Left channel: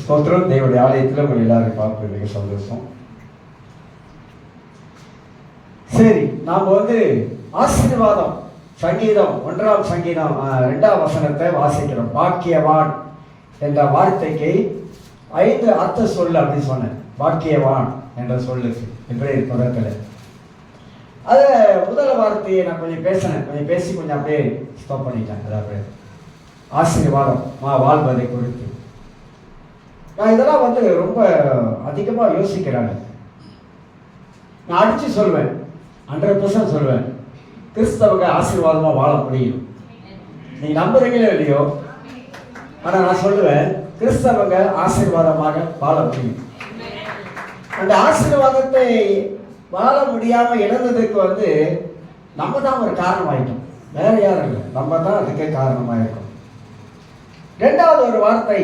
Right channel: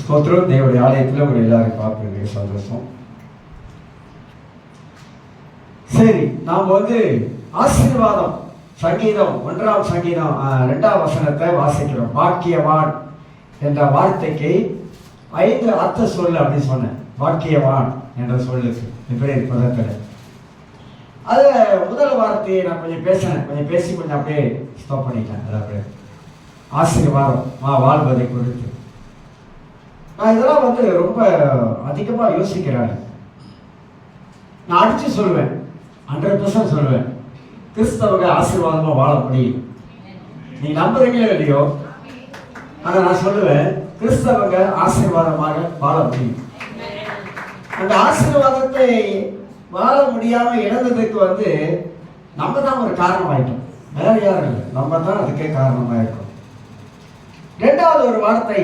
ஸ்தோத்திரம். தேவனுடைய ஆலயத்தில் உங்களை எல்லாரும் பார்ப்பது மிக சந்தோஷம். சரி, நாம் ஆசீர்வாதம் சங்கீதம் 1ஆம் சங்கீதம் 2ஆம் வசனத்தை வாசிக்கிறோம். பாக்கியவான் என்ற வார்த்தைக்கு 5 அர்த்த சொல்லு அப்படின்னு சொன்னேன். பாக்கியவான் என்ற சொல்லுக்கு வெவ்வேறு பதத்தில் அது முதல் வார்த்தையை நான் கொஞ்சம் பேசினேன். கொஞ்சம் பேசி கொஞ்சம் அப்படியே ஸ்டாப் பண்ணிட்டேன். அதாவது ஆசீர்வாதம் வாழ்வதை குறித்து நான் இதெல்லாம் ரொம்ப அதிகமாக யோசிக்கிறேன். நான் அடிச்சு சொல்வேன், 100% சொல்வேன், கிறிஸ்தவங்க ஆசீர்வாதமாக வாழ முடியும். நீ நம்புறீங்களோ இல்லையோ, ஆனால் நான் சொல்லுவேன் கிறிஸ்தவங்க ஆசீர்வாதமாக வாழ முடியும். அந்த ஆசீர்வாதத்தை வாழ முடியாம இழந்ததுக்கு நம்ம தான் ஒரு காரணமாயிட்டோம். வேற யாரும் இல்லை, நம்ம தான் அதுக்கே காரணமாயிட்டோம். ரெண்டாவது ஒரு வார்த்தை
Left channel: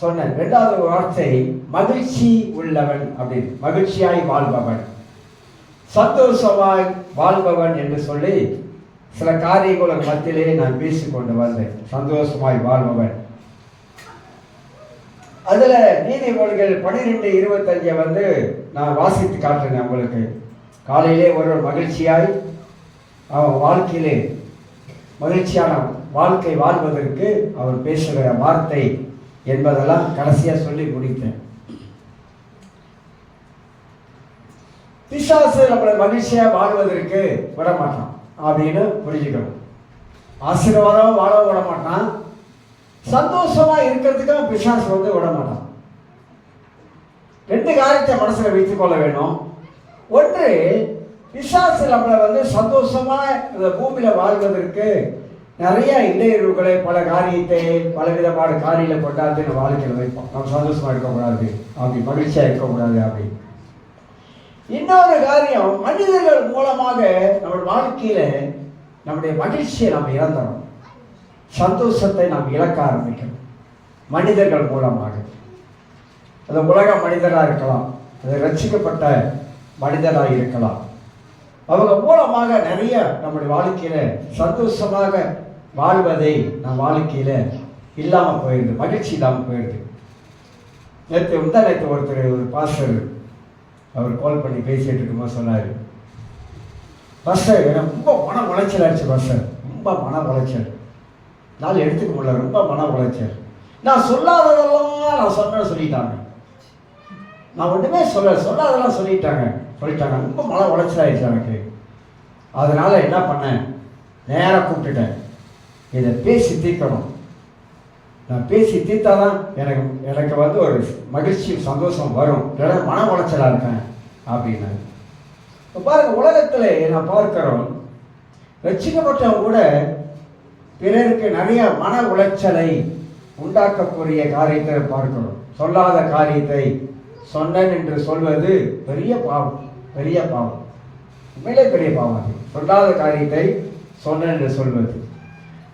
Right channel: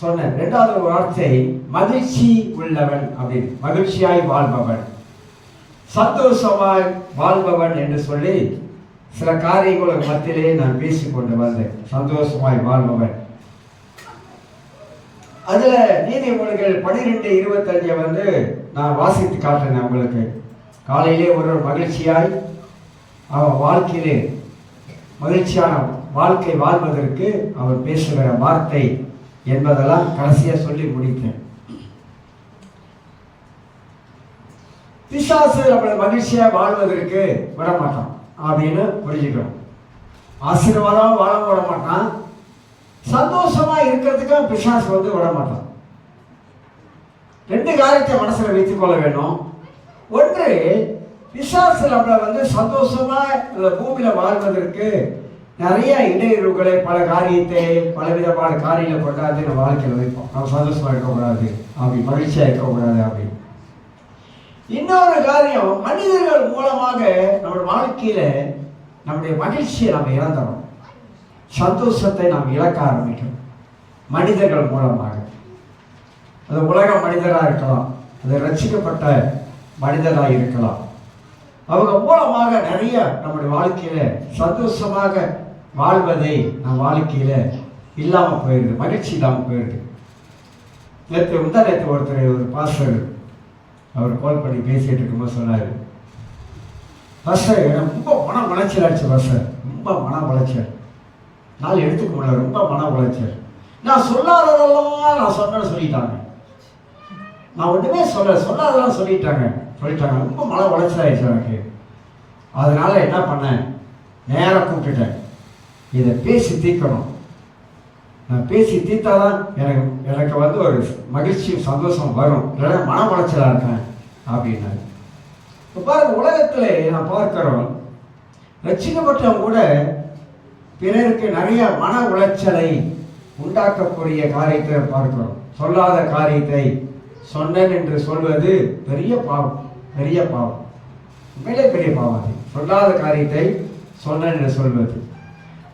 சொன்னேன். ரெண்டாவது ஒரு வார்த்தை மகிழ்ச்சி உள்ளவன் அப்படின்னு, மகிழ்ச்சியாய் வாழ்பவன், சந்தோஷமாய் வாழ்பவன் என்று சொல்லி சில காரியங்களுக்கு மத்தியிலே நான் பேசிக்கொண்டு வந்தேன். சந்தோஷமாய் வாழ்பவன். அதுல நீதிமொழிகள் 12:25 நான் வாசித்து காட்டுறேன் உங்களுக்கு. காலையிலே ஒரு மகிழ்ச்சியாய் அவன் வாழ்க்கையிலே மகிழ்ச்சியான வாழ்க்கை வாழ்வதற்கு அவர் பேசுகிற வார்த்தை என்பதெல்லாம் கடைசியா சொல்லி முடித்தேன். பிசாசு நம்மளை மகிழ்ச்சியா வாழ்வதற்கு விடமாட்டான் அப்படின்னு புரிஞ்சுக்கிறோம். ஆசீர்வாதம் வாழ விட மாட்டான், சந்தோஷமா இருக்கிறதுக்காக பிசாசு விட மாட்டான். 2 காரியத்தை மனசுல வைத்துக் கொள்ள வேண்டும். ஒன்று, பிசாசு நம்மளை சந்தோஷமா இந்த பூமியில வாழ்வதற்கு நிறைய இடையூறுகளை, பல காரியத்தை, பலவிதமான காரியங்களை கொண்டாந்து நம்ம வாழ்க்கையில் வைப்போம். நம்ம சந்தோஷமா இருக்கக்கூடாது அப்படி, மகிழ்ச்சியா இருக்கக்கூடாது அப்படி. இன்னொரு காரியம், மனிதர்கள் மூலமாக நம்ம வாழ்க்கையில நம்முடைய மகிழ்ச்சியை நாம் இழந்தோம், சந்தோஷத்தை நாம் இழக்க ஆரம்பிக்கணும். மனிதர்கள் மூலமாக, அது உலக மனிதராக இருக்கலாம், அது ரட்சிக்கப்பட்ட மனிதராக இருக்கலாம். அவங்க மூலமாக நிறைய நம்முடைய வாழ்க்கையில சந்தோஷமாக வாழ்வதை நம் வாழ்க்கையில இல்லாம போயிடுது, மகிழ்ச்சி இல்லாமல் போயிடுது. நேற்று ஒருத்தர், ஒரு பாஸ்டர், அவர் கால் பண்ணி பேசிட்டு இருக்கும்போது சொன்னார், பாஸ்டர் எனக்கு ரொம்ப மன உளைச்சல் ஆயிடுச்சு பாஸ்டர், ரொம்ப மன உளைச்சல், நாள் எடுத்துக்க முடியல, ரொம்ப மன உளைச்சல். நான் சொல்லாததெல்லாம் நான் சொன்னேன்னு சொல்லிட்டாங்க. நான் ஒன்றுமே சொல்லாதெல்லாம் சொல்லிட்டாங்க. ரொம்ப மன உளைச்சல் ஆயிடுச்சு எனக்கு. அதனால என்ன பண்ணேன், நேராக கூப்பிட்டுட்டேன், இதை பேசி தீர்க்கணும். நான் பேசி தீர்த்தாதான் எனக்கு ஒரு மகிழ்ச்சி சந்தோஷம் வரும், இல்லைன்னா மன உளைச்சலாக இருக்கேன் அப்படின்னாரு. பாருங்க, உலகத்தில் நான் பார்க்கிறோம், ரட்சிக்கப்பட்டவங்க கூட பிறருக்கு நிறைய மன உளைச்சலை உண்டாக்கக்கூடிய காரியத்தை பார்க்கிறோம். சொல்லாத காரியத்தை சொன்னேன் என்று சொல்வது பெரிய பாவம், பெரிய பாவம், உண்மையிலே பெரிய பாவம். அது சொல்லாத காரியத்தை சொன்னேன் என்று சொல்வது.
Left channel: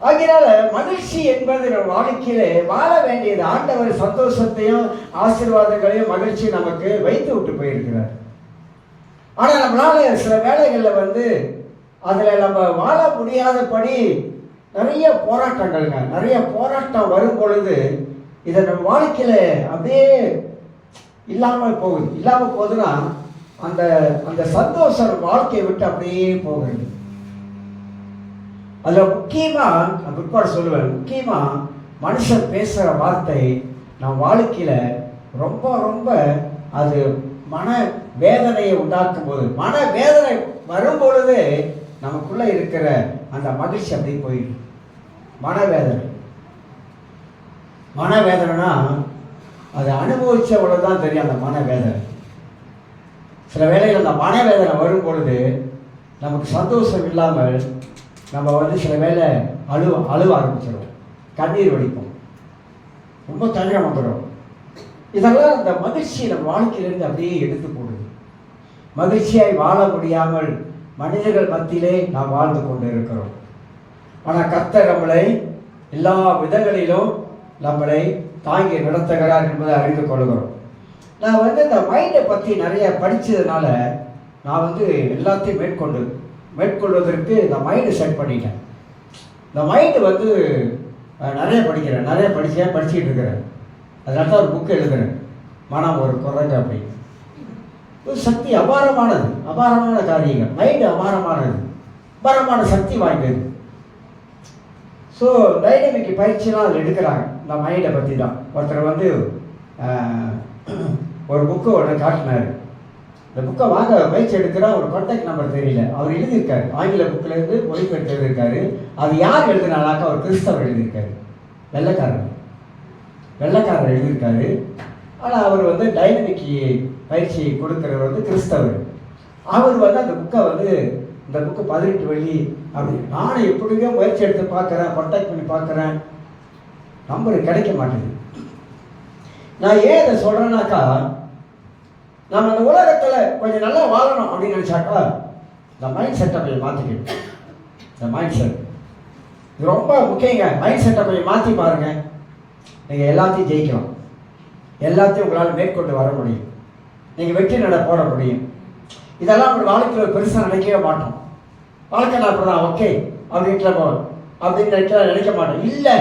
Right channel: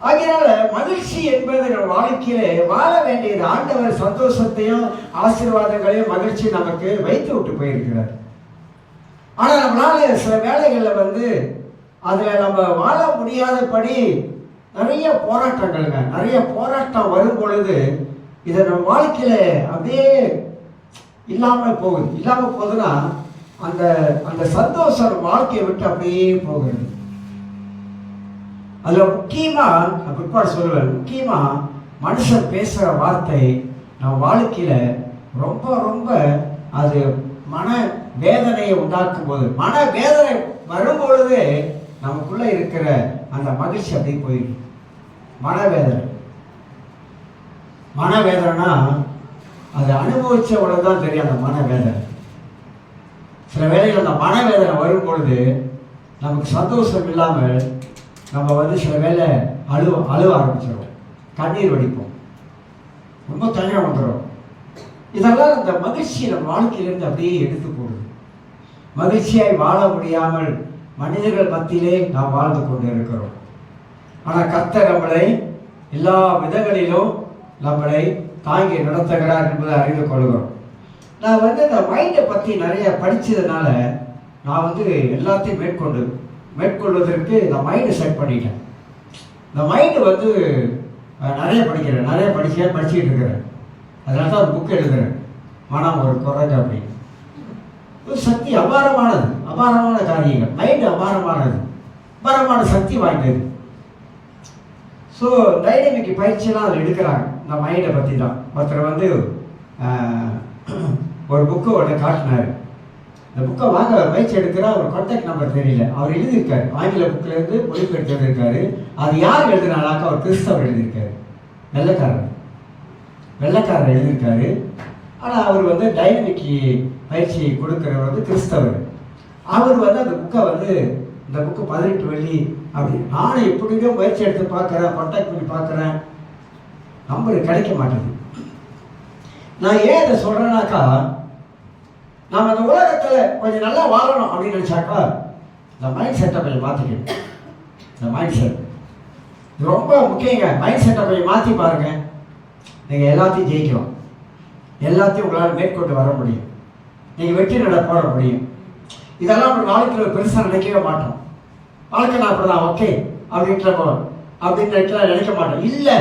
ஆகையால மகிழ்ச்சி என்பது நம் வாழ்க்கையிலே வாழ வேண்டியது. ஆண்டவர் சந்தோஷத்தையும் ஆசீர்வாதங்களையும் மகிழ்ச்சி நமக்கு வைத்து விட்டு போயிருக்கிறார். ஆனா நம்மளால சில வேளைகளில் அதுல நம்ம வாழ முடியாதபடி நிறைய போராட்டங்கள்ங்க, நிறைய போராட்டம் வரும் பொழுது இதை நம்ம வாழ்க்கையில அப்படியே இல்லாமல் போகுது. இல்லாமல் போகுதுன்னா அந்த அந்த சந்தோஷம் வாழ்க்கையை விட்டு அப்படியே போகுது. அதுல முக்கியமா நான் பிற்பாடு சொல்லுவேன், முக்கியமா மனுஷன் பேசுற வார்த்தை நம் வாழ்க்கையில ரொம்ப ரொம்ப அது மன வேதனையை உண்டாக்கும் போது, மன வேதனை வரும்பொழுது நமக்குள்ள இருக்கிற அந்த மகிழ்ச்சி அப்படி போயிடும். மனவேதனைனா அது அனுபவிச்சவளவு தான் தெரியும் அந்த மனவேதனை. சில வேளைகள் அந்த மனவேதனை வரும் பொழுது நமக்கு சந்தோஷம் இல்லாமல் நம்ம சில வேளை அழுவ ஆரம்பிச்சிடும், கண்ணீர் வடிப்போம், ரொம்ப தனியாக வந்துடும். இதெல்லாம் அந்த மகிழ்ச்சி நம்ம வாழ்க்கையிலிருந்து அப்படியே எடுத்து போடுது. மகிழ்ச்சியாய் வாழ முடியாமல் மனிதர்கள் மத்தியிலே நாம் வாழ்ந்து கொண்டு இருக்கிறோம். ஆனால் கர்த்தர் நம்மளை எல்லா விதங்களிலும் நம்மளை தாங்கி நடத்துகிறார் என்பதை அறிந்து கொள்கிறோம். நான் இந்த மைண்டை பற்றி நிறைய படித்ததுனால நான் எல்லாத்தையும் மேற்கொள்வதற்கு இந்த மைண்டை செட் பண்ணிட்டேன். இந்த மைண்டு நிறைய படிக்கிறேன், படிச்சுக்கிட்டு இருக்கிறேன். அதனால தான் ஒரு புக்கு எழுதுறேன், மனம் ஒரு குரங்கு அப்படின்னு. ஒரு சக்தி அபாரமான காரியங்கள். மைண்டு அபாரமான சக்தி வாய்ந்தது. ஸோ டைனமிக் பயிற்சியெல்லாம் அதில் எடுக்கிறாங்க. இந்த மைண்டை பற்றி தான் ஒருத்தர் வந்து ஒரு புக்கு ஒன்று காட்டினார். இந்த புக்கை வாங்க பயிற்சி எடுக்கிறா, ஒரு கான்டாக்ட் நம்பர் தெரியல. அவர் எழுதியிருக்காரு, ஆங்கில புக்கிலேருந்து மொழிபெயர்த்து எழுதியிருக்காரு. அது யார் எழுதினாலாக்கா அவர் கிறிஸ்தவர் எழுதியிருக்காரு, வெள்ளைக்காரர் எழுதியிருக்காரு. ஆனால் அவர் வந்து டைனமிக் பயிற்சி கொடுக்குறவர் வந்து கிறிஸ்தவர். அவர் வந்து அந்த புக்கை வந்து இந்த புக்கு 18 வெள்ளி அப்படி. நானும் எப்படியோ முயற்சி எடுத்து பார்க்குறேன், கான்டாக்ட் பண்ணி பார்க்குறேன், நம்பர் கிடைக்க மாட்டேங்குது. நான் ஏன் இதை சொல்கிறேன்னாக்கா, நம்ம அந்த உலகத்தில் கொஞ்சம் நல்லா வாழணும் அப்படின்னு நினச்சாக்கா இந்த மைண்ட் செட்டை கொஞ்சம் மாற்றிக்கணும். இந்த மைண்ட் செட் இது ரொம்ப முக்கியங்க. மைண்ட் செட்டை கொஞ்சம் மாற்றி பாருங்கள், நீங்கள் எல்லாத்தையும் ஜெயிக்கலாம். எல்லாத்தையும் உங்களால் மேற்கொண்டு வர முடியும். நீங்கள் வெற்றி நட போட முடியும். இதெல்லாம் ஒரு நாளைக்கு பெருசாக நினைக்கவே மாட்டோம். வாழ்க்கை நான் அப்போ ஓகே அப்படின்ற நினைக்க மாட்டோம். இல்லை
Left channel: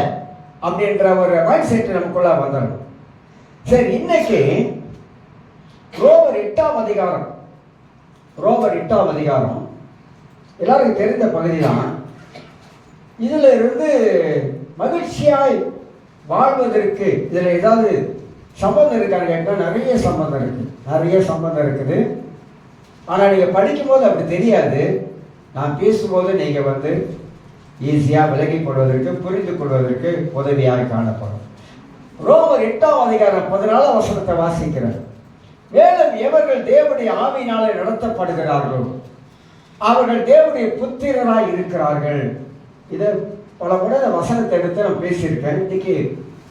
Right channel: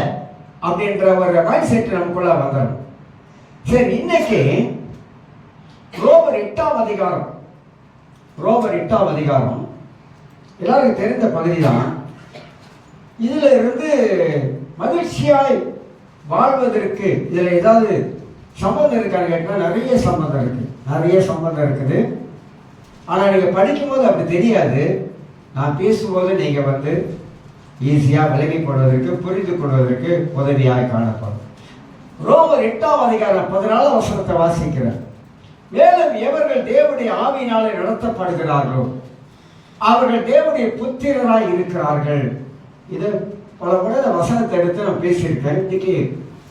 அப்படின்ற ஒரு மைண்ட் செட் நமக்குள்ள வந்துடும். சரி, இன்னைக்கு ரோமர் 8ஆம் அதிகாரம் எல்லாருக்கும் தெரிந்த பகுதி தான். இதில் இருந்து மகிழ்ச்சியாய் வாழ்வதற்கு இதில் ஏதாவது சம்பந்தம் இருக்கான்னு கேட்டால் நிறைய சம்பந்தம் இருக்குது. ஆனால் நீங்கள் படிக்கும்போது அப்படி தெரியாது. நான் பேசும்போது நீங்கள் வந்து ஈஸியாக விலகி கொள்வதற்கு, புரிந்து கொள்வதற்கு உதவியாக காணப்படும். ரோமர் 8ஆம் அதிகாரம் 14ஆம் வசனத்தை வாசிக்கிறார். மேலும் எவர்கள் தேவனுடைய ஆவியினாலே நடத்தப்படுகிறார்களோ அவர்கள் தேவனுடைய புத்திரராய் இருக்கிறார்கள். இதை பல முறை வசனத்தை எடுத்து நான் பேசியிருக்கேன். இன்னைக்கு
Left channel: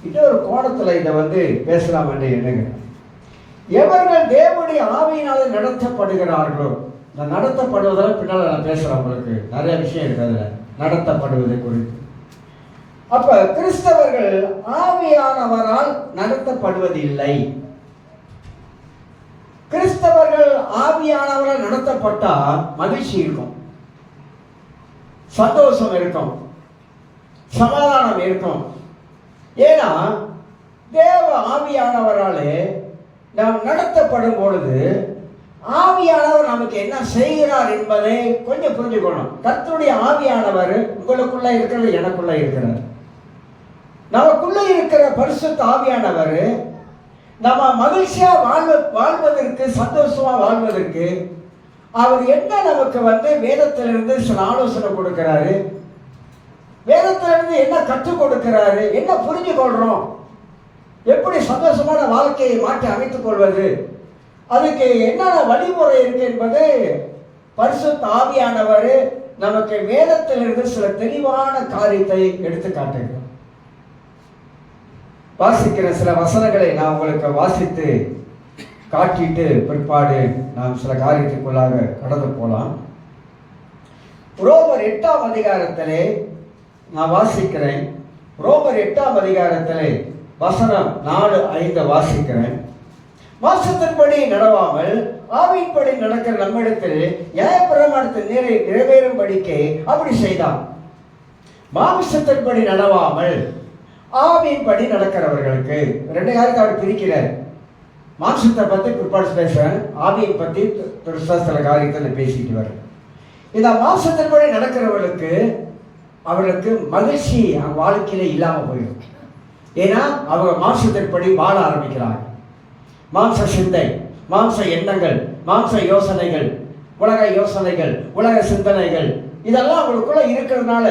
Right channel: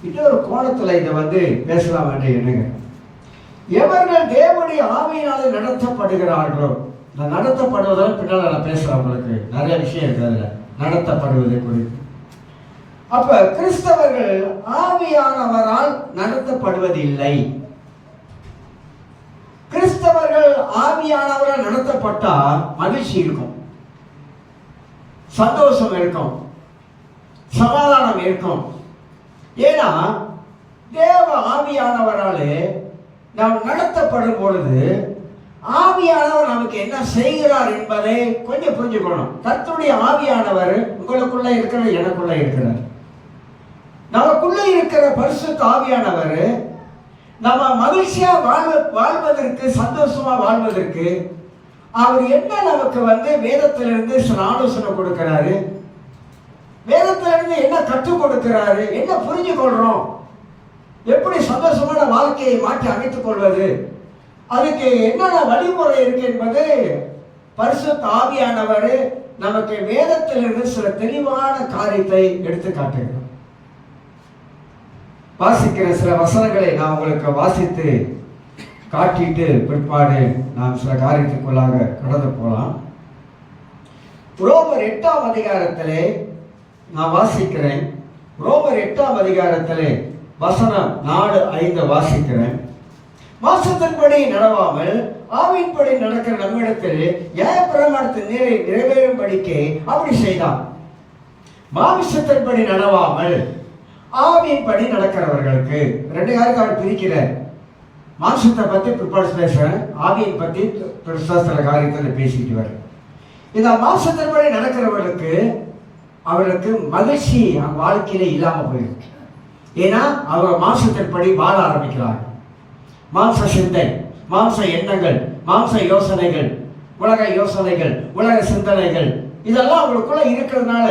இன்னொரு கோணத்தில் இதை வந்து பேசலாம் என்று எண்ணுகிறேன். எவர்கள் தேவனுடைய ஆவியினாலே நடத்தப்படுகிறார்களோ, நான் நடத்தப்படுவதால் பின்னால் நான் பேசுகிறேன். உங்களுக்கு நிறைய விஷயம் இருக்கு அதில் நடத்தப்படுவது குறித்து. அப்ப கிறிஸ்தவர்கள் ஆவியானவரால் நடத்தப்படுவதில்லை. கிறிஸ்தவர்கள் ஆவியானவரால் நடத்தப்பட்டா மகிழ்ச்சி இருக்கும், சந்தோஷம் இருக்கும், சமாதானம் இருக்கும். ஏன்னா தேவ ஆவியானவராலே நாம் நடத்தப்படும் பொழுது ஆவியானவர் நமக்கு என்ன செய்கிறார் என்பதை கொஞ்சம் புரிஞ்சுக்கணும். கர்த்தருடைய ஆவியானவர் உங்களுக்குள்ள இருக்கிறது, எனக்குள்ள இருக்கிறார். நமக்குள்ள இருக்கிற பரிசுத்த ஆவியானவர் நம்ம மகிழ்ச்சியா வாழ்வதற்கு, சந்தோஷமா வாழ்வதற்கு அவர் என்ன நமக்கு வந்து வேதத்திலிருந்து சில ஆலோசனை கொடுக்கிறாரு, வேதத்திலிருந்து என்ன கற்றுக் கொடுக்கிறாரு, என்ன புரிஞ்சு கொள்றோம், எப்படி சந்தோஷமான வாழ்க்கையை மாற்றி அமைத்துக் கொள்வது, அதுக்கு என்னென்ன வழிமுறை இருக்கு என்பது பரிசுத்த ஆவியானவர் நமக்கு வேதத்திலிருந்து சில தெளிவான காரியத்தை எடுத்து காட்டுகிறோம். வாசிக்கிற சில வசனங்களை நான் உங்களுக்கு வாசித்து காட்டிட்டு பிற்பாடு நாம் சில காரியத்துக்குள்ளாக கடந்து போகலாம். ரோமர் 8ஆம் அதிகாரத்திலே நான் வாசிக்கிறேன். ரோமர் 8ஆம் அதிகாரத்திலே வசனம் 4-5 வாசிக்கிறேன். மாம்சத்தின்படி நடவாமல் ஆவியின்படி நடக்கிற நம்மிடத்தில் நியாயப்பிரமாணத்தின் நிறைவேறும்படிக்கு அப்படி செய்தான். மாம்சத்தின்படி நடவாமல் ஆவியின்படி நடக்கிறவர்களுக்கு 2 காரியத்தை அவர் பிரிக்கிறார். மாம்சத்தை பற்றி பிற்பாடு பேசுறேன், ஆவியை பற்றி சில காரியத்தில் பேசிட்டு வர. இந்த மாம்சத்தின்படி நடக்கிறவர்களுக்கு அவர்களுக்கு மகிழ்ச்சி வாழ்க்கையில இல்லாமல் போயிருக்கு. ஏன்னா அவங்க மாம்சத்தின்படி வாழ ஆரம்பிக்கிறாங்க. மாம்ச சிந்தை, மாம்ச எண்ணங்கள், மாம்ச யோசனைகள், உலக யோசனைகள், உலக சிந்தனைகள் இதெல்லாம் அவங்களுக்குள்ள இருக்கிறதுனால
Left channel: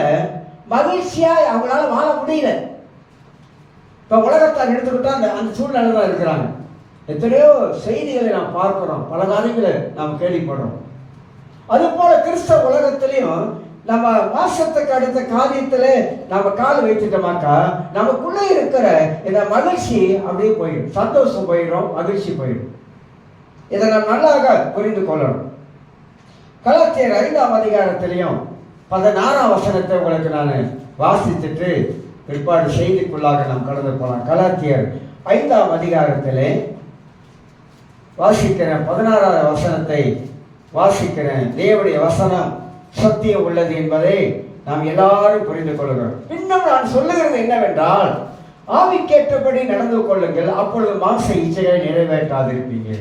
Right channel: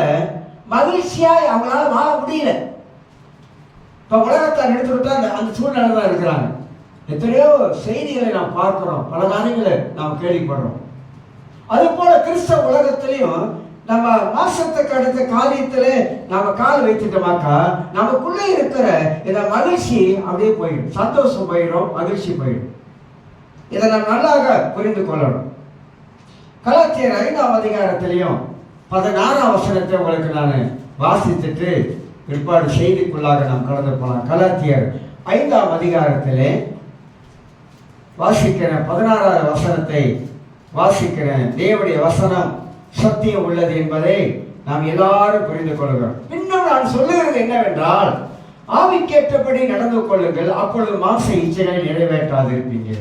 மகிழ்ச்சியா அவங்களால வாழ முடியல. இப்ப உலகத்தை எடுத்துக்கிட்டா அந்த சூழ்நிலை தான் இருக்கிறாங்க. எத்தனையோ செய்திகளை நாம் பார்க்கிறோம், பல காரியங்களை நாம் கேள்விப்படுறோம். அது போல கிறிஸ்தவ உலகத்திலையும் நம்ம மாசத்துக்கு அடுத்த காரியத்துல நம்ம கால் வைத்துட்டோமாக்கா நமக்குள்ளே இருக்கிற இந்த மகிழ்ச்சி அப்படியே போயிடும், சந்தோஷம் போயிடும், மகிழ்ச்சி போயிடும். இதை நாம் நல்லாக புரிந்து கொள்ளணும். கலாத்தியர் 5ஆம் அதிகாரத்திலையும் 16ஆம் வசனத்தை உங்களுக்கு நான் வாசித்துட்டு பிற்பாடு செய்திக்குள்ளாக நாம் கடந்து போகலாம். கலாத்தியர் 5ஆம் அதிகாரத்திலே வாசிக்கிற 16ஆவது வசனத்தை வாசிக்கிறேன். தேவனுடைய வசனம் சத்தியம் உள்ளது என்பதை நாம் எல்லாரும் புரிந்து கொள்கிறோம். இன்னும் நான் சொல்லுகிறது என்னவென்றால், ஆவிக்கேற்றபடி நடந்து கொள்ளுங்கள், அப்பொழுது மாம்ச இச்சைகளை நிறைவேற்றாதிருப்பீங்க.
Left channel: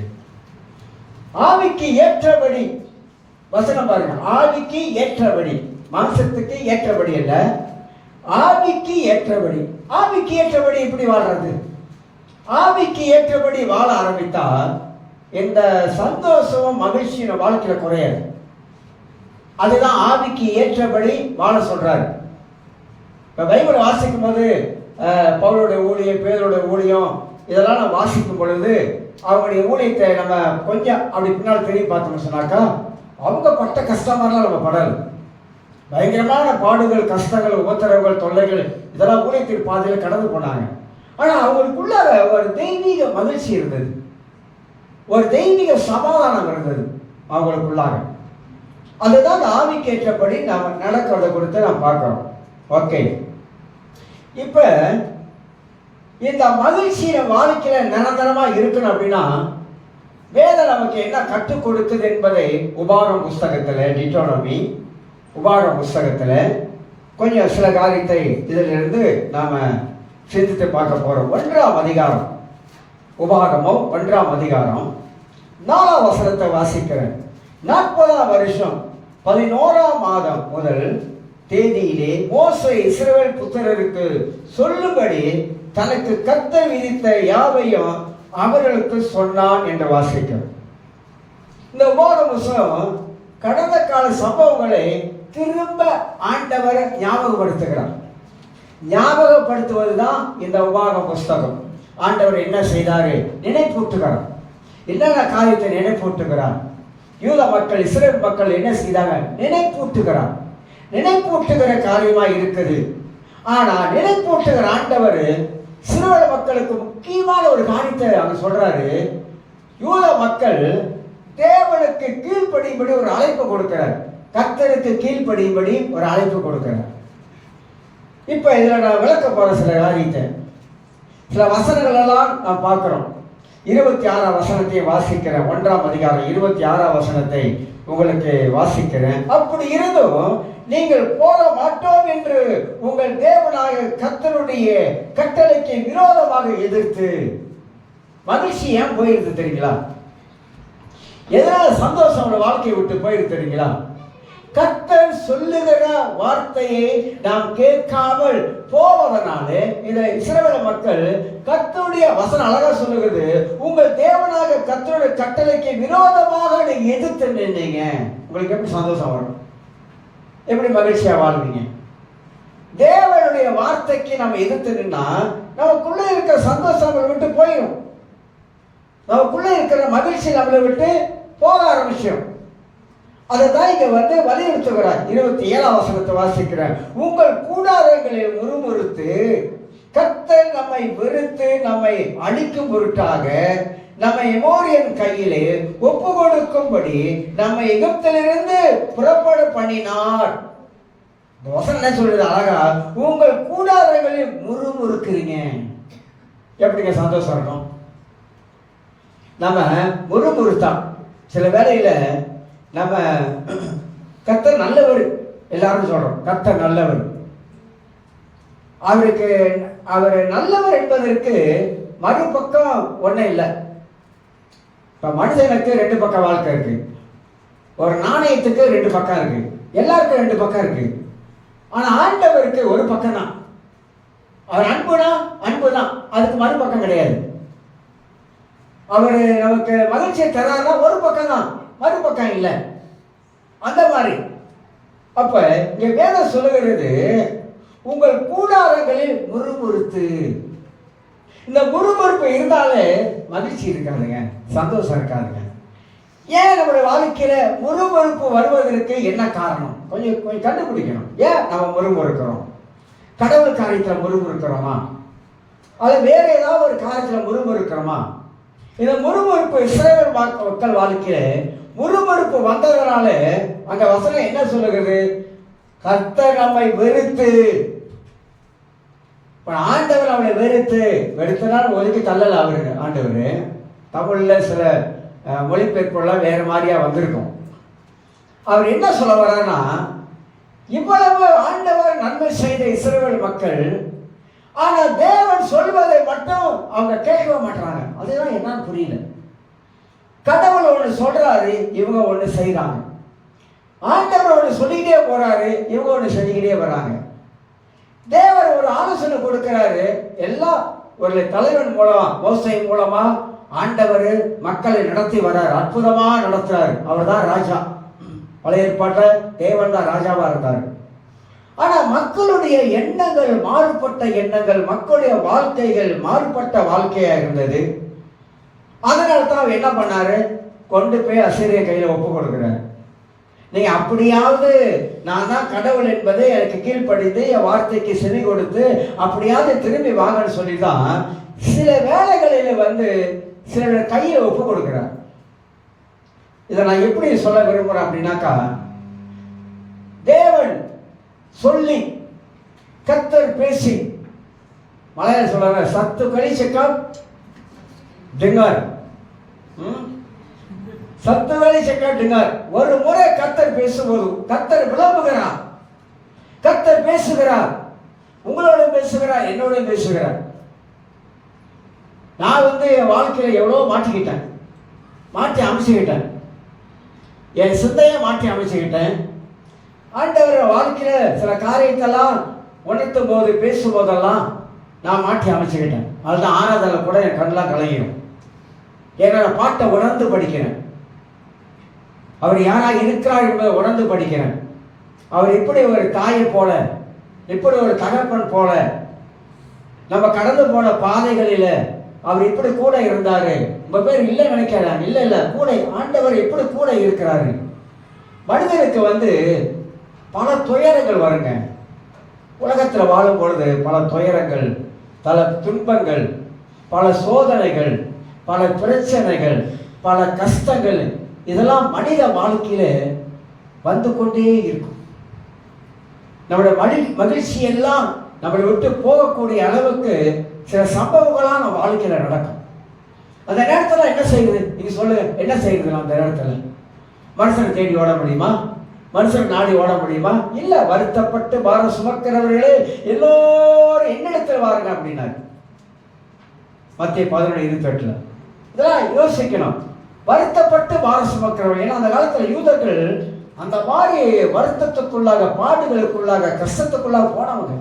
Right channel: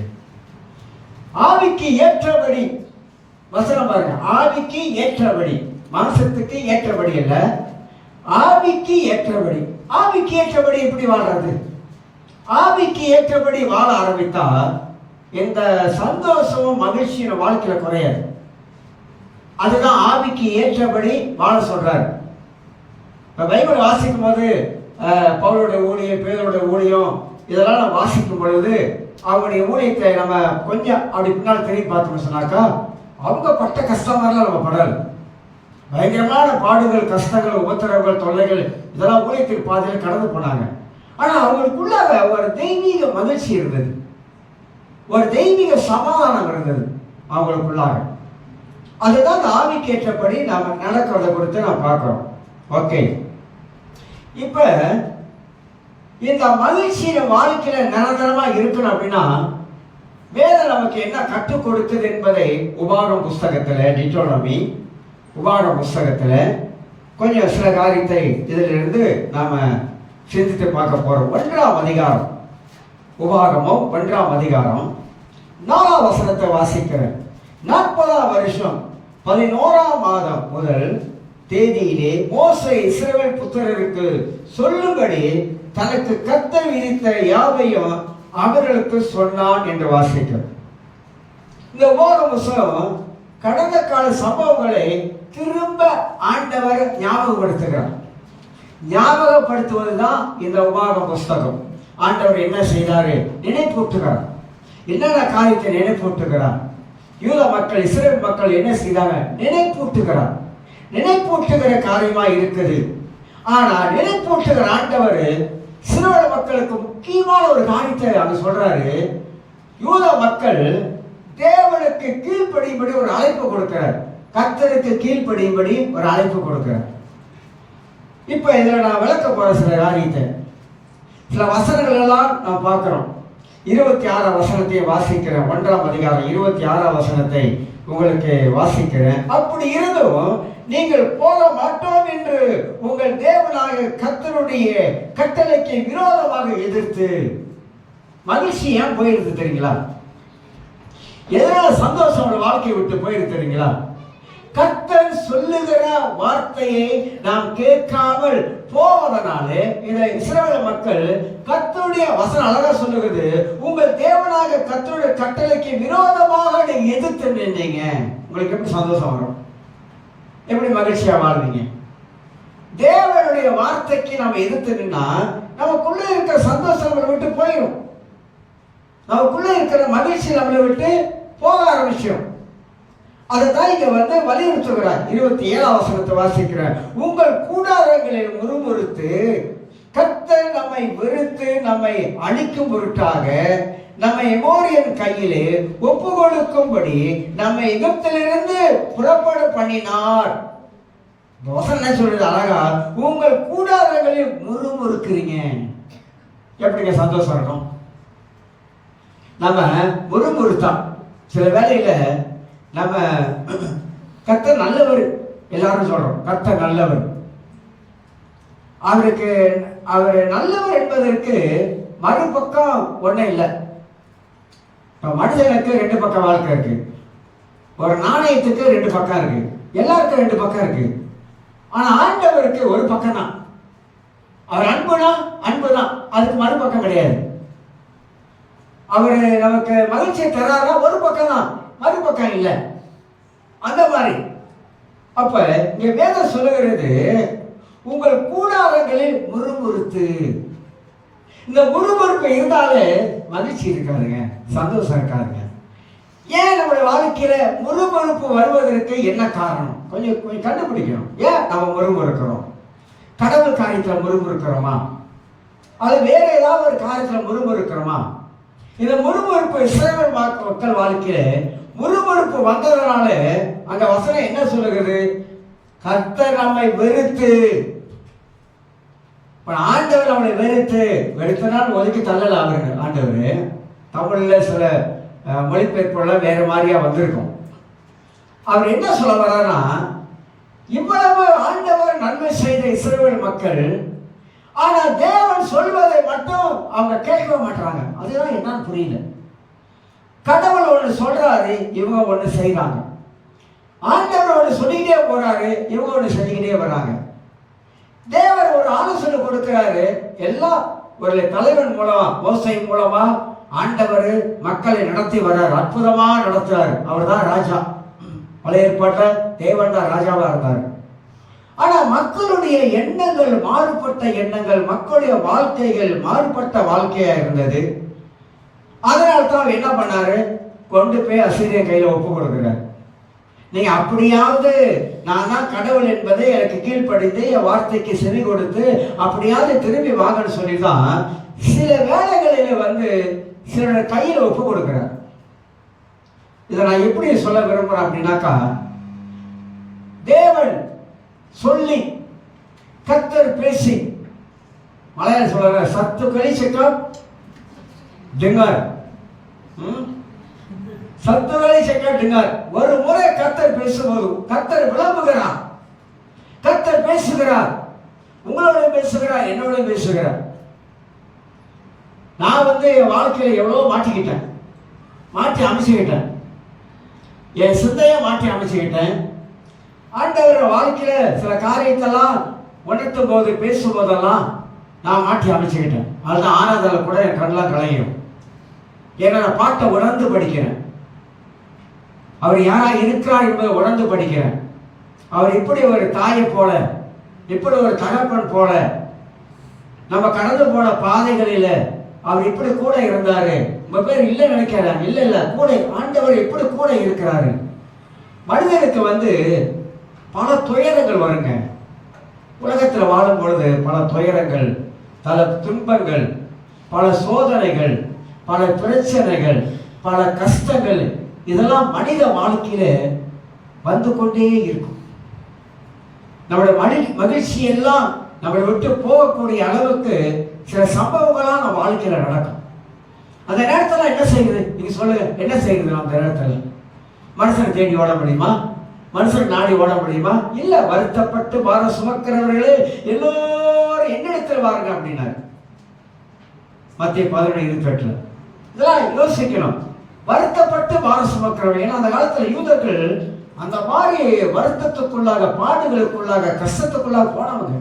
ஆவிக்கு ஏற்றபடி, வசனம் பாருங்க, ஆவிக்கு ஏற்றபடி, மாம்சத்துக்கு ஏற்றபடி அல்ல, ஆவிக்கு ஏற்றபடி. ஆவிக்கு ஏற்றபடி எப்படி வாழ்றது? ஆவிக்கு ஏற்றபடி வாழ ஆரம்பித்தால் இந்த சந்தோஷமும் மகிழ்ச்சியும் வாழ்க்கையில குறையாது. அதுதான் ஆவிக்கு ஏற்றபடி வாழ சொல்றாரு. இப்ப பைபிள் வாசிக்கும் போது பவுலுடைய ஊழியம், பேதுருடைய ஊழியம் இதெல்லாம் நம்ம வாசிக்கும் பொழுது அவங்களுடைய ஊழியத்தை நம்ம கொஞ்சம் அப்படி பின்னால் திரும்பி பார்த்தோம்னு சொன்னாக்கா, அவங்க பட்ட கஷ்டமெல்லாம் நம்ம படல. பயங்கரமான பாடுகள், கஷ்டங்கள், உபத்திரவங்கள், தொல்லைகள் இதெல்லாம் ஊழியத்திற்கு பாதையில் கடந்து போனாங்க. ஆனால் அவங்களுக்குள்ள ஒரு தெய்வீக மகிழ்ச்சி இருந்தது, ஒரு தெய்வீக சமாதானம் இருந்தது அவங்களுக்குள்ளாக. அதுதான் ஆவிக்கு ஏற்றபடி நாம் நடக்கிறத குறித்து நாம் பார்க்கிறோம். ஓகே, இப்ப இந்த மகிழ்ச்சியில வாழ்க்கையில நிரந்தரமா இருக்கணும் அப்படின்னா வேதம் நமக்கு என்ன கற்றுக் கொடுக்குது என்பதை உபாகம் புஸ்தகத்துல, டிட்டோனமி உபாகம் புஸ்தகத்துல கொஞ்சம் சில காரியத்தை இதிலிருந்து நாம சிந்தித்து பார்க்க போறோம். 1ஆம் அதிகாரம், உபாகமோ 1ஆம் அதிகாரம் 4ஆம் வசனத்தை வாசிக்கிறேன். 40ஆம் வருஷம் 11ஆம் மாதம் முதல் தேதியிலே மோசே இஸ்ரவேல் புத்திரருக்கு சொல்லும்படி தனக்கு கர்த்தர் விதித்த யாவையும் அவர்களுக்கு சொன்னான் என்று வாசிக்கிறோம். இந்த உபாகம் புஸ்தகம் கடந்த கால சம்பவங்களை திரும்ப ஆண்டவர் ஞாபகப்படுத்துகிறார். ஞாபகப்படுத்துவதுதான் இந்த உபாகம் புஸ்தகம். ஆண்டவர் என்ன செய்தாரு நினைப்பூட்டுகிறார். என்னென்ன காரியத்தை நினைப்பூட்டுகிறார். யூத மக்கள், இஸ்ரேல் மக்கள் என்ன செய்தாங்க நினைப்பூட்டுகிறார். நினைப்பூட்டுகிற காரியமா இருக்குது. ஆனா நினைப்பூட்டுகிற ஆண்டவர் இஸ்ரவேல் மக்களுக்கு முக்கியமான ஒரு காரியத்தை அங்க சொல்றாரு. யூத மக்கள் தேவனுக்கு கீழ்ப்படியும்படி ஒரு அழைப்பு கொடுக்கிறார். கர்த்தருக்கு கீழ்ப்படியும்படி ஒரு அழைப்பு கொடுக்கிறார். இப்ப இதுல நான் விளக்க போற சில காரியத்தை, சில வசனங்கள் எல்லாம் நான் பார்க்கிறோம். 26ஆம் வசனத்தை வாசிக்கிறேன். 1ஆம் அதிகாரம் 26ஆம் வசனத்தை உங்களுக்கு வாசிக்கிறேன். அப்படி இருந்தும் நீங்கள் போக மாட்டோம் என்று உங்கள் தேவனாக கர்த்தருடைய கட்டளைக்கு விரோதமாக எதிர்த்து, மகிழ்ச்சி ஏன் போயிருக்கு தெரியுங்களா? எதனால சந்தோஷம் வாழ்க்கையை விட்டு போயிருக்கு தெரியுங்களா? கர்த்தர் சொல்லுகிற வார்த்தையை நாம் கேட்காமல் போவதனாலே இந்த இஸ்ரவேல் மக்கள் கர்த்தருடைய வசனம் அழகா சொல்லுகிறது, உங்கள் தேவனாக கர்த்தருடைய கட்டளைக்கு விரோதமாக நீங்க எதிர்த்து நின்னீங்க. உங்களுக்கு எப்படி சந்தோஷம் வரும்? எப்படி மகிழ்ச்சியா வாழ்வீங்க? தேவனுடைய வார்த்தைக்கு நம்ம எதிர்த்து நின்னா நமக்குள்ள இருக்கிற சந்தோஷம் நம்மளை விட்டு போயிடும். நமக்குள்ள இருக்கிற மகிழ்ச்சி நம்மளை விட்டு போக ஆரம்பிச்சிடும். அதைத்தான் இங்க வலியுறுத்துகிறார். 27ஆம் வசனத்தை வாசிக்கிறேன். உங்கள் கூடாரங்களில் முறுமுறுத்து கர்த்தர் நம்மை வெறுத்து நம்மை அழிக்கும் பொருட்டாக நம்மை எமோரியன் கையிலே ஒப்பு கொடுக்கும்படி நம்மை எகிப்திலிருந்து புறப்பட பண்ணினார். இந்த வசனம் என்ன சொல்றது அழகா, உங்கள் கூடாரங்களில் முறுமுறுக்கிறீங்க. எப்படிங்க சந்தோஷம் இருக்கும்? நம்ம முறுமுறுத்தான் சில வேளையில நம்ம கர்த்தர் நல்லவர் எல்லாரும் சொல்றோம், கர்த்தர் நல்லவர். அவர் நல்லவர் என்பதற்கு மறுபக்கம் ஒன்றும் இல்லை. இப்போ மனுஷனுக்கு 2 பக்கம் வாழ்க்கை இருக்கு, ஒரு நாணயத்துக்கு 2 பக்கம் இருக்கு, எல்லாருக்கும் 2 பக்கம் இருக்கு. ஆனா ஆண்டவருக்கு ஒரு பக்கம் தான். அவர் அன்புனா அன்புதான், அதுக்கு மறுபக்கம் கிடையாது. அவர் நமக்கு மகிழ்ச்சியை தராரா ஒரு பக்கம் தான், மறுபக்கம் இல்லை. அந்த மாதிரி அப்ப இங்க வேதம் சொல்லுகிறது, உங்கள் கூடாரங்களில் முறுமுறுத்து. இந்த முறுமுறுப்பு இருந்தாலே மகிழ்ச்சி இருக்காதுங்க, சந்தோஷம் இருக்காதுங்க. ஏன் நம்முடைய வாழ்க்கையில முறுமுறுப்பு வருவதற்கு என்ன காரணம்? கொஞ்சம் கண்டுபிடிக்கணும். ஏன் நம்ம முறுமுறுக்கிறோம்? கடவுள் காரியத்துல முறுமுறுக்கிறோமா, அது வேற ஏதாவது ஒரு காரியத்துல முறுமுறுக்கிறோமா? இந்த முறுமுறுப்பு இஸ்ரவேல் மக்கள் வாழ்க்கையில முறுமுறுப்பு வந்ததனால அங்க வசனம் என்ன சொல்லுகிறது? கர்த்தர் நம்மை வெறுத்து. ஆண்டவர் அவனை வெறுத்தனால் ஒதுக்கி தள்ளல. அவரு ஆண்டவர் தமிழ்ல சில மொழிபெயர்ப்புலாம் வேற மாதிரியா வந்திருக்கும். அவர் என்ன சொல்ல வர்றாருன்னா, இவ்வளவு ஆண்டவர் நன்மை செய்த இஸ்ரவேல் மக்கள் ஆனா தேவன் சொல்வதை மட்டும் அவங்க கேட்க மாட்டாங்க. அதுதான் என்னன்னு புரியல. கடவுள் ஒண்ணு சொல்றாரு, இவங்க ஒண்ணு செய்யறாங்க. ஆண்டவர் ஒண்ணு சொல்லிக்கிட்டே போறாரு, இவங்க ஒண்ணு செஞ்சுக்கிட்டே வர்றாங்க. தேவர் ஒரு ஆலோசனை கொடுக்கிறாரு. எல்லாம் ஒரு தலைவன் மூலமா, மோசே மூலமா ஆண்டவர் மக்களை நடத்தி வர்றாரு. அற்புதமா நடத்துறாரு. அவர் தான் ராஜா. பழைய ஏற்பாட்டுல தேவன் தான் ராஜாவா இருந்தார். ஆனா மக்களுடைய எண்ணங்கள் மாறுபட்ட எண்ணங்கள், மக்களுடைய வாழ்க்கைகள் மாறுபட்ட வாழ்க்கையா இருந்தது. அதனால தான் என்ன பண்ணாரு, கொண்டு போய் அசீரிய கையில ஒப்பு கொடுக்கிறார். நீங்க அப்படியாவது நான் தான் கடவுள் என்பதை எனக்கு கீழ்ப்படிந்து என் வார்த்தைக்கு செவி கொடுத்து அப்படியாவது திரும்பி வாங்கன்னு சொல்லிதான் சில வேலைகளில் சில கையில ஒப்பு கொடுக்கிறார். இதை நான் எப்படி சொல்ல விரும்புறேன் அப்படின்னாக்கா, தேவன் சொல்லி கர்த்தர் பேசி, மலையாள சொல்றாங்க சத்து கழிச்சக்கம் டிங்கர், சத்து கழிச்சக்கம் டிங்கர். ஒரு முறை கர்த்தர் பேசும்போது கர்த்தர் விளம்புகிறார், கர்த்தர் பேசுகிறார், உங்களோட பேசுகிறார், என்னோட பேசுகிறார். நான் என் வாழ்க்கையில எவ்வளவு மாட்டிக்கிட்டேன், மாற்றி அமைச்சுக்கிட்டேன், என் சிந்தையை மாற்றி அமைச்சுக்கிட்டேன். ஆண்டவர் வாழ்க்கையில சில காரியத்தெல்லாம் உணர்த்தும் போது பேசும்போதெல்லாம் நான் மாற்றி அமைச்சுக்கிட்டேன். அதுதான் ஆராதனை கூட என் கண்ணெல்லாம் கலையும். ஏன்னா நான் பாட்டை உணர்ந்து படிக்கிறேன். அவர் யாரா இருக்கிறார் என்பதை உணர்ந்து படிக்கிறேன். அவர் இப்படி ஒரு தாயை போல, இப்படி ஒரு தகப்பன் போல, நம்ம கடந்து போன பாதைகளில அவர் இப்படி கூட இருந்தாரு. ரொம்ப பேர் இல்லை நினைக்கிறாங்க. இல்ல இல்ல, கூட ஆண்டவர் இப்படி கூட இருக்கிறாரு. மனிதனுக்கு பல துயரங்கள் வருங்க. உலகத்தில் வாழும் பொழுது பல துயரங்கள், பல துன்பங்கள், பல சோதனைகள், பல பிரச்சனைகள், பல கஷ்டங்கள், இதெல்லாம் மனித வாழ்க்கையில வந்து கொண்டே இருக்கும். நம்முடைய மகிழ்ச்சி எல்லாம் நம்மளை விட்டு போகக்கூடிய அளவுக்கு சில சம்பவங்கள்லாம் நம்ம வாழ்க்கையில நடக்கும். அந்த நேரத்தில் என்ன செய்யுது, நீங்க சொல்லுங்க, என்ன செய்யுது? அந்த நேரத்தில் மனுஷன் தேடி ஓட முடியுமா? மனுஷன் நாடி ஓட முடியுமா? இல்ல. வருத்தப்பட்டு பாரம் சுமக்கிறவர்களே எல்லோரும் என்னிடத்தில் வாருங்க அப்படின்னாரு மத்திய 11:28. இதெல்லாம் யோசிக்கணும். வருத்தப்பட்டு பாரம் சுமக்கிறவர்கள். ஏன்னா அந்த காலத்துல யூதர்கள் அந்த மாதிரி வருத்தத்துக்குள்ளாக, பாடுகளுக்குள்ளாக, கஷ்டத்துக்குள்ளாக போனவங்க.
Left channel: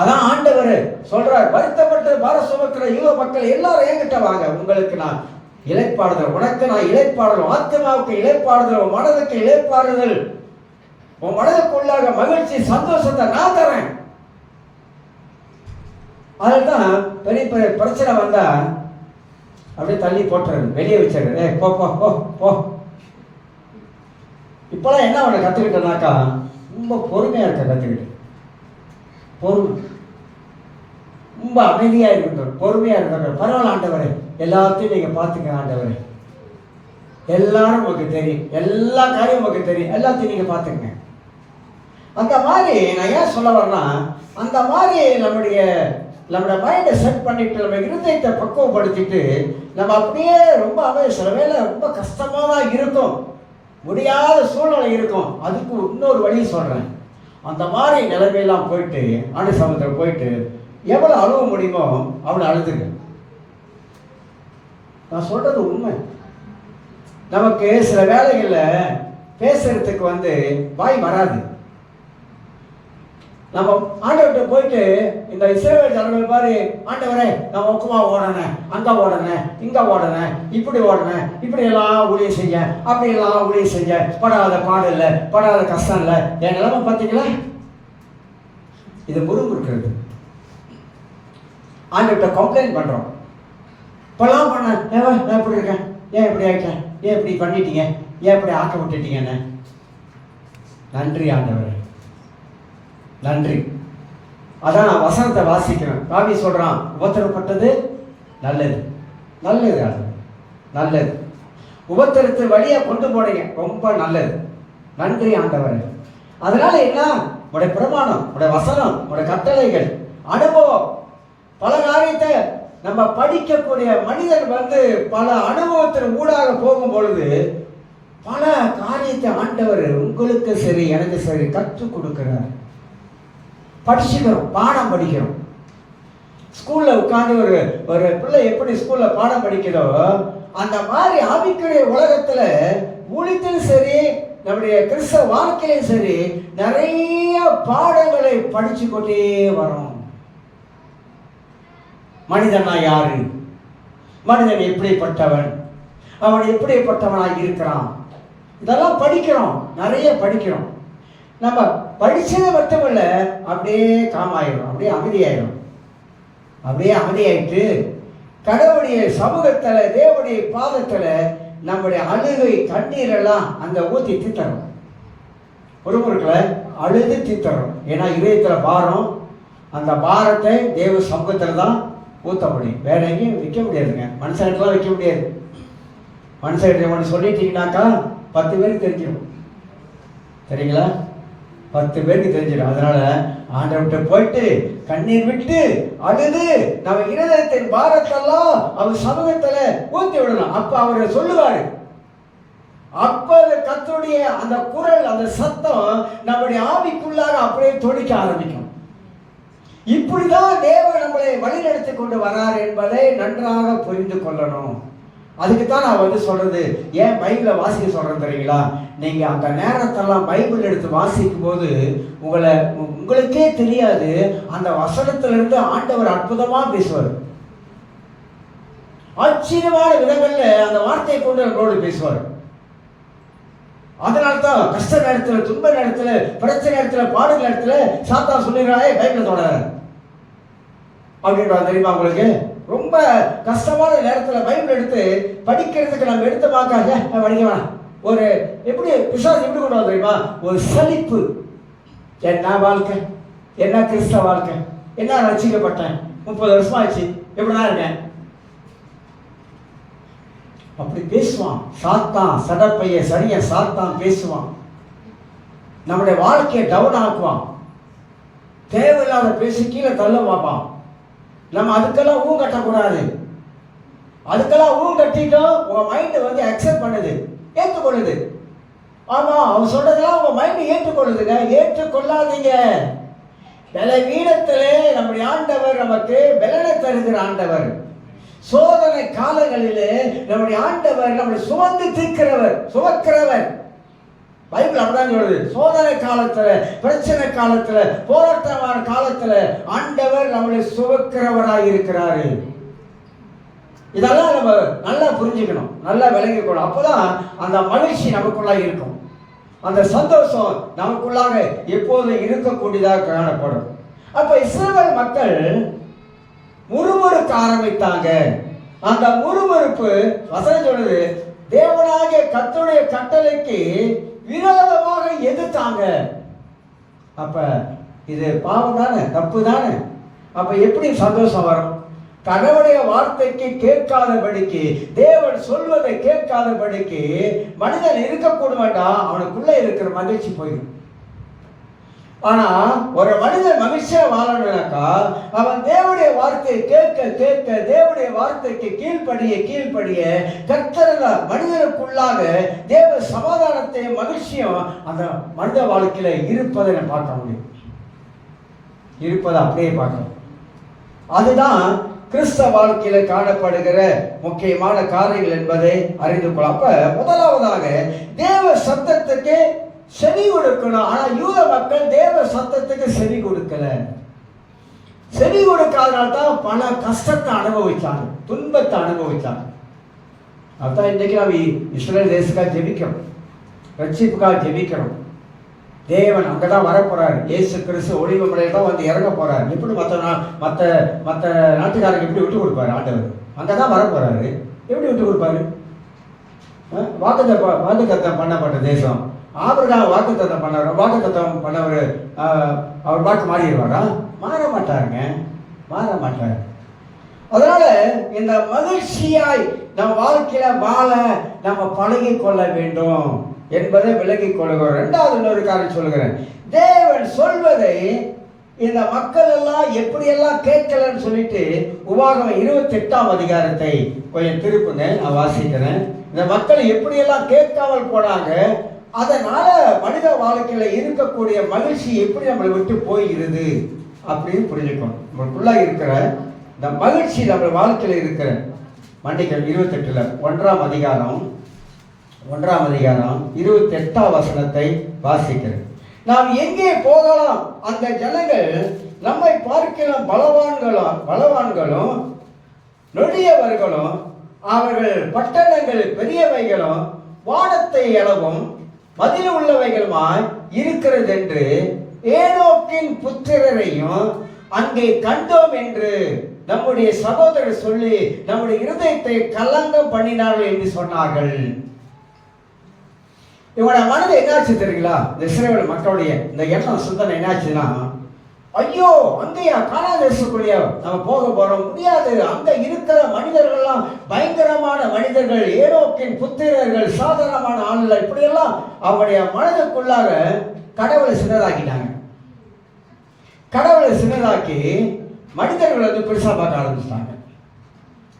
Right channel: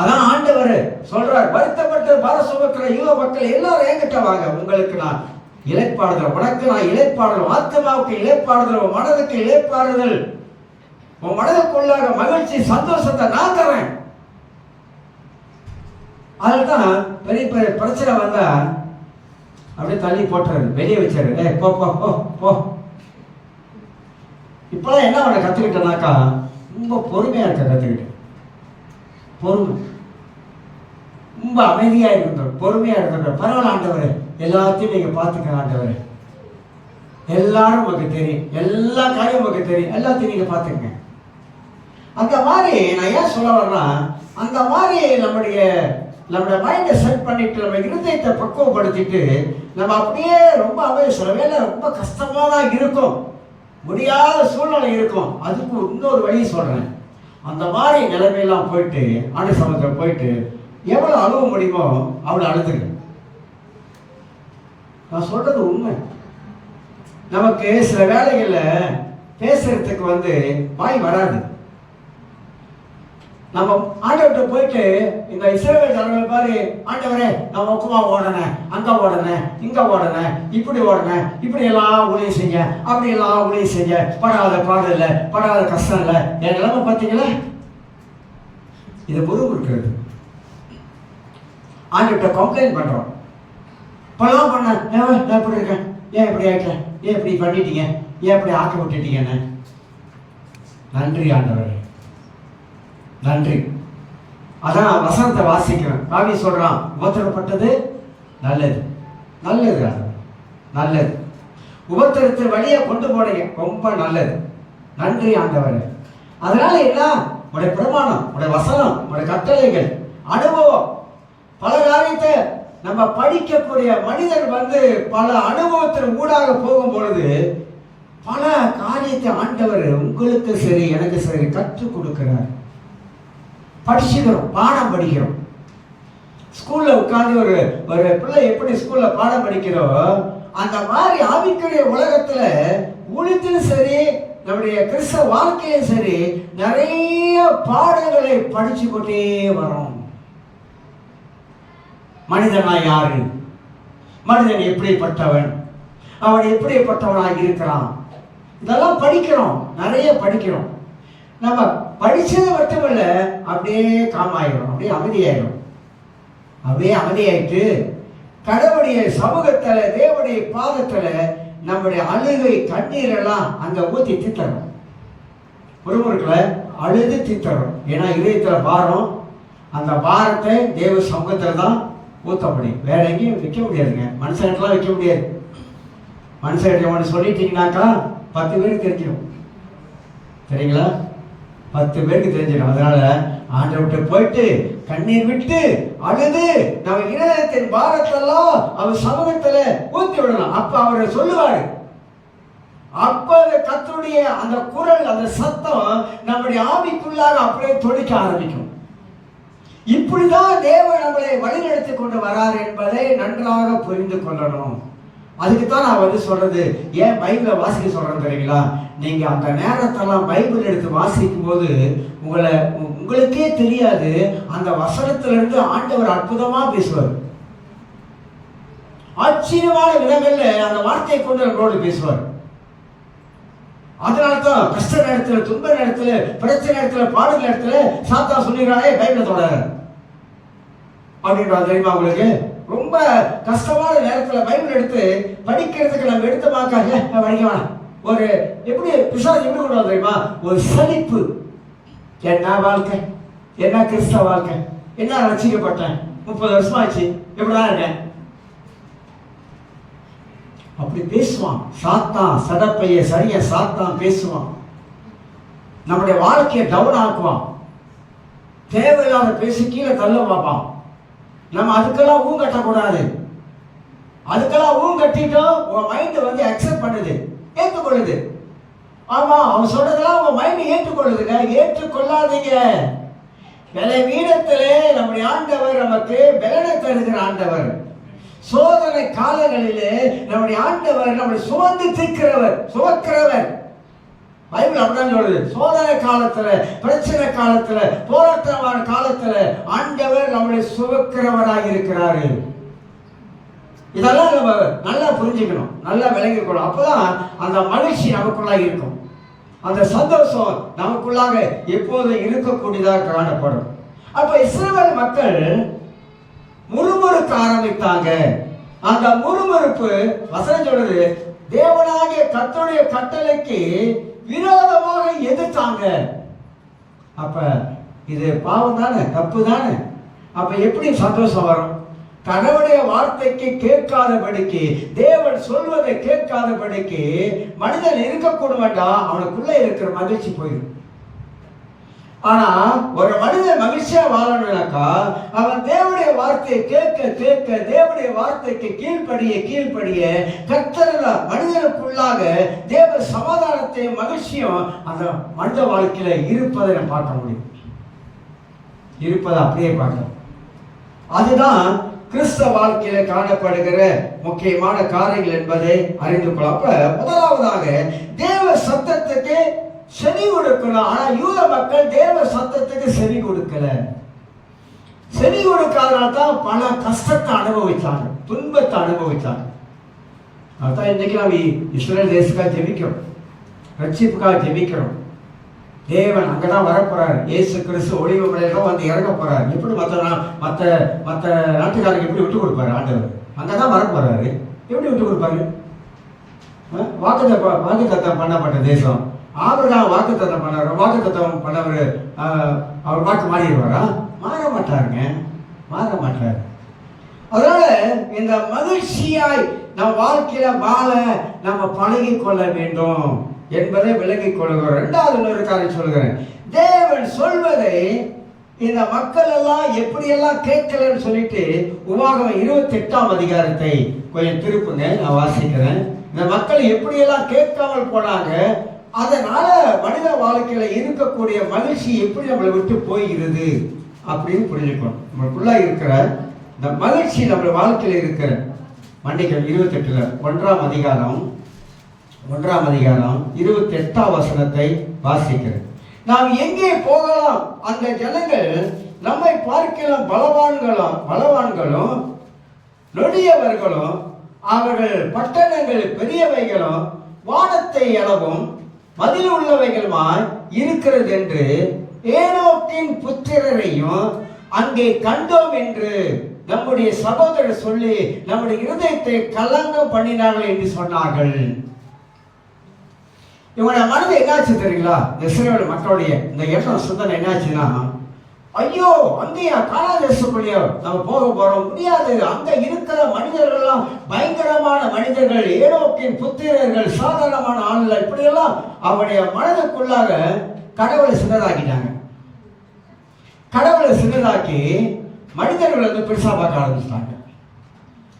அதான் ஆண்டவர் சொல்றார், வருத்தப்பட்டு பாரம் சுமக்கிற யூத மக்கள் எல்லாரும் என்கிட்ட வாங்க, உங்களுக்கு நான் இளைப்பாறுதல், உனக்கு நான் இளைப்பாறுதல், ஆத்மாவுக்கு இளைப்பாறுதல், உன் மனதுக்கு இளைப்பாறுதல், உன் மனதுக்குள்ளாக மகிழ்ச்சி, சந்தோஷத்தை நான் தரேன். அதுதான் பெரிய பெரிய பிரச்சனை வந்தா அப்படியே தள்ளி போட்டுறது, வெளியே வச்சிருது. போ போ போ போ. இப்பெல்லாம் என்ன அவனை கத்துக்கிட்டனாக்கா, ரொம்ப பொறுமையா இருக்க கத்துக்கிட்டு, பொறுமை, ரொம்ப அமைதியா இருக்கின்ற, பொறுமையா இருக்கின்ற. பரவாயில்ல ஆண்டவரே, எல்லாத்தையும் நீங்க பாத்துக்க ஆண்டவரே, எல்லாரும் உங்களுக்கு தெரியும், எல்லா காரியம் உங்களுக்கு தெரியும், எல்லாத்தையும் நீங்க பாத்துக்கங்க. அந்த மாதிரி நான் ஏன் சொல்ல வரேன்னா, அந்த மாதிரி நம்முடைய மைண்டை செட் பண்ணிட்டு, நம்ம இருதயத்தை பக்குவப்படுத்திட்டு, நம்ம அப்படியே ரொம்ப சில வேலை ரொம்ப கஷ்டமா தான் இருக்கும், முடியாத சூழ்நிலை இருக்கும். அதுக்கு இன்னொரு வழி சொல்றேன். அந்த மாதிரி நிலைமையெல்லாம் போயிட்டு ஆண்டு சமூகத்தில் போயிட்டு எவ்வளவு அழுவ முடியுமோ அவ்வளவு அழுதுங்க. நான் சொல்றது உண்மை. நமக்கு சில வேலைகள்ல பேசுறதுக்கு வாய் வராது. நம்ம ஆண்டவர்கிட்ட போயிட்டு, இந்த இஸ்ரவேல் ஜனங்கள் பாரு, ஆண்டவரே நான் ஒக்கமா ஓடனேன், அங்க ஓடனேன், இங்க ஓடனேன், இப்படி ஓடனேன், இப்படி எல்லாம் ஊழியம் செஞ்ச, அப்படி எல்லாம் ஊழியம் செஞ்ச, படாத பாடம் இல்லை, படாத கஷ்டம் இல்லை, என் நிலைமை பார்த்தீங்களா? இது முறுமுறுக்கிறது. ஆண்டவர்கிட்ட கம்ப்ளைண்ட் பண்றோம். பலாம் பண்ண, நான் எப்படி இருக்கேன், ஏன் இப்படி ஆயிட்டேன், ஏன் இப்படி பண்ணிட்டீங்க, ஏன் இப்படி ஆக்க விட்டுட்டீங்கன்னு. நன்றி ஆண்டவரே, நன்றி. அதான் நான் வசனத்தை வாசிக்கிறேன். ராவி சொல்றான், உபத்திரப்பட்டது நல்லது, நல்லது, அது நல்லது. உபத்திரத்து வழியா கொண்டு போனீங்க, ரொம்ப நல்லது, நன்றி ஆண்டவரே. அதனால என்ன, உடைய பிரமாணம், உடைய வசனம், உடைய கட்டளைகள், அனுபவம், பல காரியத்தை நம்ம படிக்கக்கூடிய மனிதர் பல அனுபவத்தின் ஊடாக போகும் பொழுது பல காரியத்தை ஆண்டவர் உங்களுக்கு சரி எனக்கு சரி கற்றுக் கொடுக்கிறார். படிச்சுக்கிறோம், பாடம் படிக்கிறோம். ஸ்கூல்ல உட்காந்து ஒரு ஒரு பிள்ளை எப்படி ஸ்கூல்ல பாடம் படிக்கிறோ அந்த மாதிரி ஆவிக்குரிய உலகத்துல ஊழியத்திலும் சரி, நம்முடைய கிறிஸ்தவ வாழ்க்கையிலும் சரி, நிறைய பாடங்களை படிச்சு கொண்டே வரோம். மனிதனா யாரு, மனிதன் எப்படிப்பட்டவன், அவன் எப்படிப்பட்டவனாக இருக்கிறான், இதெல்லாம் படிக்கிறோம், நிறைய படிக்கிறோம். நம்ம படிச்சது மட்டுமல்ல, அப்படியே காமாயிடும், அப்படியே அமைதியாயிடும். அப்படியே அமைதியாயிட்டு கடவுளுடைய சமூகத்துல, தேவனுடைய பாதத்துல நம்முடைய அழுகை கண்ணீரெல்லாம் அங்க ஊத்தி தீர்த்தரும். ஒருவருக்குள்ள அழுது தீர்த்தரும். ஏன்னா இதயத்துல பாரம், அந்த பாரத்தை தேவ சமூகத்துல தான் ஊத்த முடியும். வேற எங்கேயும் வைக்க முடியாதுங்க. மனுஷன்லாம் வைக்க முடியாது. மனுஷன் ஒன்று சொல்லிட்டீங்கன்னாக்கா 10 பேருக்கு தெரிஞ்சிடும். சரிங்களா? 10 பேருக்கு தெரிஞ்சிடும். அதனால ஆண்டவர்கிட்ட போயிட்டு கண்ணீர் விட்டு அழுது நம்ம இருதயத்தின் பாரத்தெல்லாம் அவர் சமூகத்துல ஊத்தி விடலாம். அப்ப அவர் சொல்லுவாரு. அப்ப கர்த்தருடைய அந்த குரல், அந்த சத்தம் நம்முடைய ஆவிக்குள்ளாக அப்படியே தொழிக்க ஆரம்பிக்கும். இப்படிதான் தேவன் நம்மளை வழிநடத்தி கொண்டு வரார் என்பதை நன்றாக புரிந்து கொள்ளணும். அதுக்குத்தான் நான் சொல்றது. ஏன் பைபிளை வாசிக்க சொல்றேன் தெரியுங்களா? நீங்க அந்த நேரத்தெல்லாம் பைபிள் எடுத்து வாசிக்கும் போது உங்களுக்கே தெரியாது, அந்த வசனத்திலிருந்து ஆண்டவர் அற்புதமா பேசுவார். ஆச்சரியமான விதங்கள்ல அந்த வார்த்தையை கொண்டு நம்மளோடு பேசுவார். அதனால்தான் கஷ்ட நேரத்துல, துன்ப நேரத்துல, பிரச்சனை நேரத்துல, பாடு நேரத்துல சாத்தா சொல்லுகிறாயே பைபிளை தொடர அப்படின்றா. தெரியுமா உங்களுக்கு? ரொம்ப கஷ்டமான நேரத்துல பைபிள் எடுத்து படிக்கிறதுக்கு நம்ம எடுத்து பார்க்க படிக்கலாம். ஒரு எப்படி பிசாசு எப்படி கொண்டு வர தெரியுமா? ஒரு சலிப்பு. என்ன வாழ்க்கை, என்ன கிறிஸ்தவ வாழ்க்கை, என்ன ரசிக்கப்பட்டேன், 30 வருஷம் ஆச்சு, எப்படிதான் இருக்கேன், அப்படி பேசுவான் சாத்தான். சடப்பைய சரிய சாத்தான் பேசுவான். நம்முடைய வாழ்க்கையை டவுன் ஆக்குவான். தேவையில்லாத பேசி கீழே தள்ள பார்ப்பான். நம்ம அதுக்கெல்லாம் ஊ கட்டக்கூடாது. அதுக்கெல்லாம் ஊ கட்டிட்டோம், உன் மைண்ட் அக்செப்ட் பண்ணுது, ஏற்றுக்கொள்ளுது. ஆமா, அவன் சொல்றதெல்லாம் உங்க மைண்ட் ஏற்றுக்கொள்ளுதுங்க. ஏற்றுக்கொள்ளாதீங்க. பலவீனத்திலே நம்முடைய ஆண்டவர் நமக்கு பலனை தருகிற ஆண்டவர். சோதனை காலங்களிலே நம்முடைய ஆண்டவர் நம்மளை சுமந்து தீர்க்கிறவர், சுமக்கிறவர். பைபிள் அப்படிதான் சொல்லுது. சோதனை காலத்துல, பிரச்சனை காலத்துல, போராட்டமான காலத்துல ஆண்டவர் நம்மளை சுமக்கிறவராக இருக்கிறாரு. இதெல்லாம் நம்ம நல்லா புரிஞ்சுக்கணும், நல்லா விளங்கிக்கணும். அப்பதான் அந்த மகிழ்ச்சி நமக்குள்ளாக இருக்கும், அந்த சந்தோஷம் நமக்குள்ளாக எப்போதும் இருக்கக்கூடியதாக காணப்படும். அப்ப இஸ்ரவேல் மக்கள் முறுமுறுக்க ஆரம்பித்தாங்க. அந்த முறுமுறுப்பு வசனம் சொல்லுது, தேவனாகிய கர்த்தருடைய கட்டளைக்கு விரோதமாக எதிர்த்தாங்க. அப்ப இது பாவம் தானே, தப்பு தானே. அப்ப எப்படி சந்தோஷம் வரும்? கடவுளுடைய வார்த்தைக்கு கேட்காதபடிக்கு, தேவன் சொல்வதை கேட்காதபடிக்கு மனிதன் இருக்கக்கூடும் வேண்டாம், அவனுக்குள்ள இருக்கிற மகிழ்ச்சி போயிடும். ஆனா ஒரு மனிதன் மகிழ்ச்சியா வாழணும்னாக்கா அவன் தேவனுடைய வார்த்தையை கேட்க கேட்க, தேவனுடைய வார்த்தைக்கு கீழ்ப்படிய கர்த்தர் மனிதனுக்குள்ளாக தேவ சமாதானத்தையும் மகிழ்ச்சியும் அந்த மனித வாழ்க்கையில இருப்பதை நம்ம பார்க்க முடியும். இருப்பதை அப்படியே பார்க்கணும். அதுதான் கிறிஸ்தவ வாழ்க்கையில காணப்படுகிற முக்கியமான காரியங்கள் என்பதை அறிந்து கொள்ள. அப்ப முதலாவதாக தேவ சத்தத்துக்கு செவி கொடுக்கணும். ஆனா யூத மக்கள் தேவ சத்தத்துக்கு செவி கொடுக்கல. செவி கொடுக்காதனால்தான் பல கஷ்டத்தை அனுபவிச்சாங்க, துன்பத்தை அனுபவிச்சாங்க. அதான் இன்னைக்கு நம்ம இஸ்ரேல் தேசத்துக்காக ஜெபிக்கிறோம், ரட்சிப்புக்காக ஜெபிக்கிறோம். தேவன் அங்கதான் வரப்போறாரு. இயேசு கிறிஸ்து ஒளிவு மலையில தான் இறங்க போறாரு. எப்படி மற்ற நாட்டுக்காரங்க எப்படி விட்டு கொடுப்பாரு? ஆண்டவர் அங்கதான் வரப்போறாரு. எப்படி விட்டு கொடுப்பாரு? வாக்குத்தத்தம் பண்ணப்பட்ட தேசம். ஆபிரகாம் வாக்குத்தத்தம் பண்ணவர், வாக்குத்தத்தம் பண்ணவர் அவர் வாக்கு மாறிடுவாரா? மாற மாட்டாருங்க, மாற மாட்டார். அதனால இந்த மகிழ்ச்சியாய் நம் வாழ்க்கையில வாழ நம்ம பழகி கொள்ள வேண்டும் என்பதை விலகிக் கொள்கிறோம். இரண்டாவது ஒரு காரியம் சொல்கிறேன். தேவன் சொல்வதை இந்த மக்கள் எல்லாம் எப்படியெல்லாம் கேட்கலன்னு சொல்லிட்டு உபாகமம் 28ஆம் அதிகாரத்தை கொஞ்சம் திருப்புங்க, நான் வாசிக்கிறேன். இந்த மக்கள் எப்படியெல்லாம் கேட்காமல் போனாங்க, அதனால மனித வாழ்க்கையில இருக்கக்கூடிய மகிழ்ச்சி எப்படி நம்மளை விட்டு போகிறது அப்படின்னு புரிஞ்சுக்கணும். நம்மளுக்குள்ள இருக்கிற இந்த மகிழ்ச்சி நம்ம வாழ்க்கையில் இருக்கிற மன்னிக்கல் 28 ஒன்றாம் அதிகாரம் 28ஆம் வசனத்தை வாசிக்கிறேன். நாம் எங்கே போகலாம்? அந்த ஜனங்கள் நம்மை பார்க்கலாம் பலவான்களும் நொடியவர்களும் அவர்கள் பட்டணங்கள் பெரியவைகளும் வானத்தை அளவும் மதில் உள்ளவைகளுமாய் இருக்கிறது என்று ஏனோக்கின் புத்திரரையும் அங்கே கண்டோம் என்று நம்முடைய சகோதரர் சொல்லி நம்முடைய இருதயத்தை கலங்கம் பண்ணினார்கள் என்று சொன்னார்கள். இவனோட மனது என்னாச்சு தெரியுங்களா? இஸ்ரவேல் மக்களுடைய இந்த எண்ணம் சிந்தனை என்னாச்சுன்னா, ஐயோ அங்கேயா கானாதேசக்குள்ளேயோ நம்ம போக போறோம், முடியாது. அங்க இருக்கிற மனிதர்கள்லாம் பயங்கரமான மனிதர்கள், ஏனோக்கின் புத்திரர்கள், சாதாரணமான ஆண்கள், இப்படியெல்லாம் அவருடைய மனதுக்குள்ளாக கடவுளை சின்னதாக்கிட்டாங்க. கடவுளை சின்னதாக்கி மனிதர்கள் வந்து பெருசா பார்க்க ஆரம்பிச்சிட்டாங்க.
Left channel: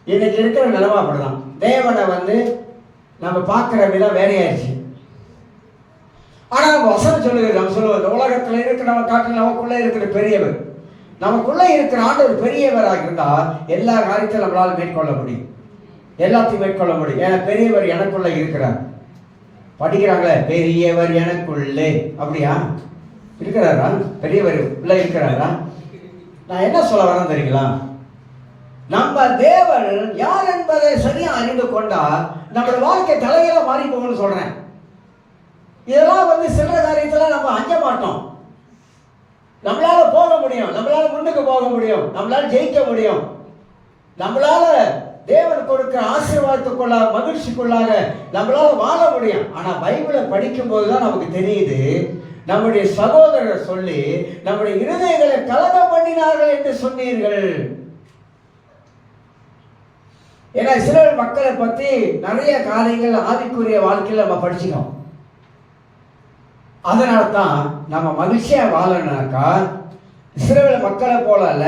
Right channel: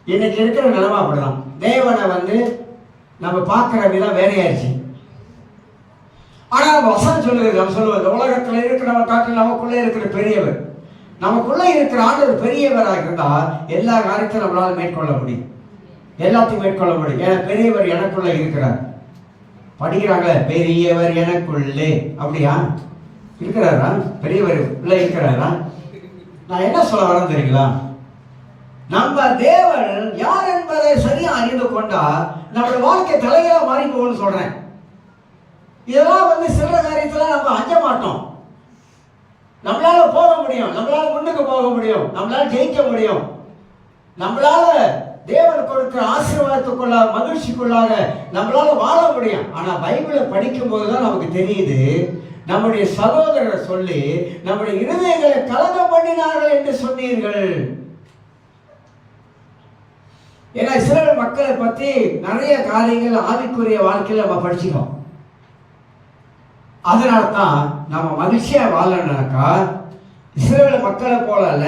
இன்னைக்கு இருக்கிற நிலைமை அப்படிதான். தேவனை நம்ம பார்க்கிற விதம் வேறையாயிருச்சு. ஆனா நம்ம வசனம் சொல்லுகிறது, நம்ம சொல்லுவது உலகத்துல இருக்கிறவங்க காட்டில் நமக்குள்ள இருக்கிற பெரியவர், நமக்குள்ள இருக்கிற ஆண்டவர் பெரியவராக இருந்தால் எல்லா காரியத்தையும் நம்மளால மேற்கொள்ள முடியும், எல்லாத்தையும் மேற்கொள்ள முடியும். ஏன்னா பெரியவர் எனக்குள்ள இருக்கிறார். படிக்கிறாங்களே, பெரியவர் எனக்குள்ளே, அப்படியா இருக்கிறாரா? பெரியவர் உள்ள இருக்கிறாரா? நான் என்ன சொல்ல வரேன் தெரியுங்களா? நம்ம தேவன் யார் என்பதை சரியா அறிந்து கொண்டா நம்மளோட வாழ்க்கை தலைகீழா மாறி போகும்னு சொல்றேன். இதெல்லாம் சில காரியத்துல நம்ம அஞ்ச மாட்டோம். நம்மளால போக முடியும், நம்மளால முன்னுக்கு போக முடியும், நம்மளால ஜெயிக்க முடியும், நம்மளால தேவன் கொடுக்கிற ஆசீர்வாதத்துக்குள்ளாக மகிழ்ச்சிக்குள்ளாக நம்மளால வாழ முடியும். ஆனா பைபிளை படிக்கும் போதுதான் நமக்கு தெரியுது, நம்முடைய சகோதரர் சொல்லி நம்முடைய இருதயங்களை கலகம் பண்ணினார்கள் என்று சொன்னீர்கள். ஏன்னா இஸ்ரவேல் மக்களை பத்தி நிறைய காரியங்கள் ஆவிக்குரிய வாழ்க்கையில் நம்ம படிச்சுக்கோம். அதனால்தான் நம்ம மகிழ்ச்சியா வாழனாக்கா இஸ்ரவேல் மக்களை போல அல்ல,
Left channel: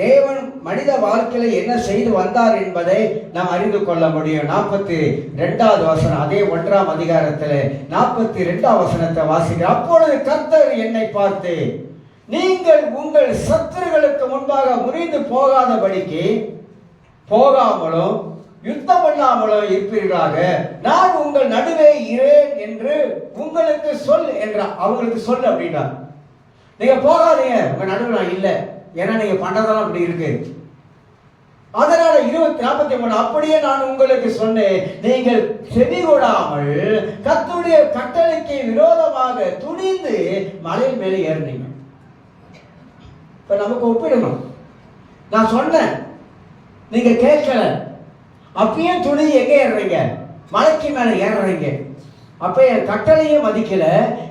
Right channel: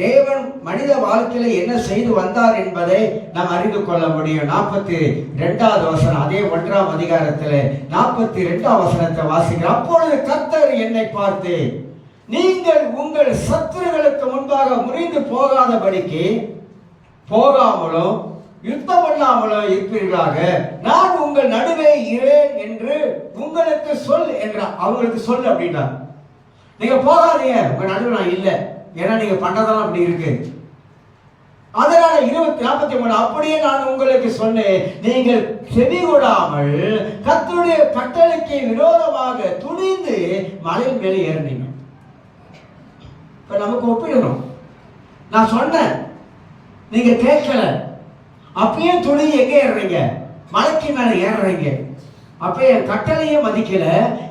தேவன் மனித வாழ்க்கையில என்ன செய்து வந்தார் என்பதை நாம் அறிந்து கொள்ள முடியும். 42வது வசனம், அதே 1ஆம் அதிகாரத்தில் 42ஆம் வசனத்தை வாசிக்கிறோம். அப்பொழுது கர்த்தர் என்னை பார்த்து, நீங்கள் உங்கள் சத்துருக்களுக்கு முன்பாக முறிந்து போகாதபடிக்கு போகாமலும் யுத்தம் பண்ணாமலும் இருப்பீர்களாக, நான் உங்கள் நடுவே இரேன் என்று உங்களுக்கு சொல் என்ற அவங்களுக்கு சொல் அப்படின்னா. நீங்க போகாதீங்க, உங்க நடுவில் நான் இல்லை, ஏன்னா நீங்க பண்றதெல்லாம் அப்படி இருக்கு. அதனால 43 அப்படியே நான் உங்களுக்கு சொன்னேன், நீங்கள் செவி கொடாமல் கர்த்தருடைய கட்டளைக்கு விரோதமாக துணிந்து மலையின் மேலே ஏறினீங்க. இப்ப நமக்கு ஒப்பிடணும். நான் சொன்னேன், நீங்க கேட்கல, அப்பயே துணி எங்க ஏறுறீங்க? மலைக்கு மேல ஏறுறீங்க. அப்ப என் கட்டளையே மதிக்கல,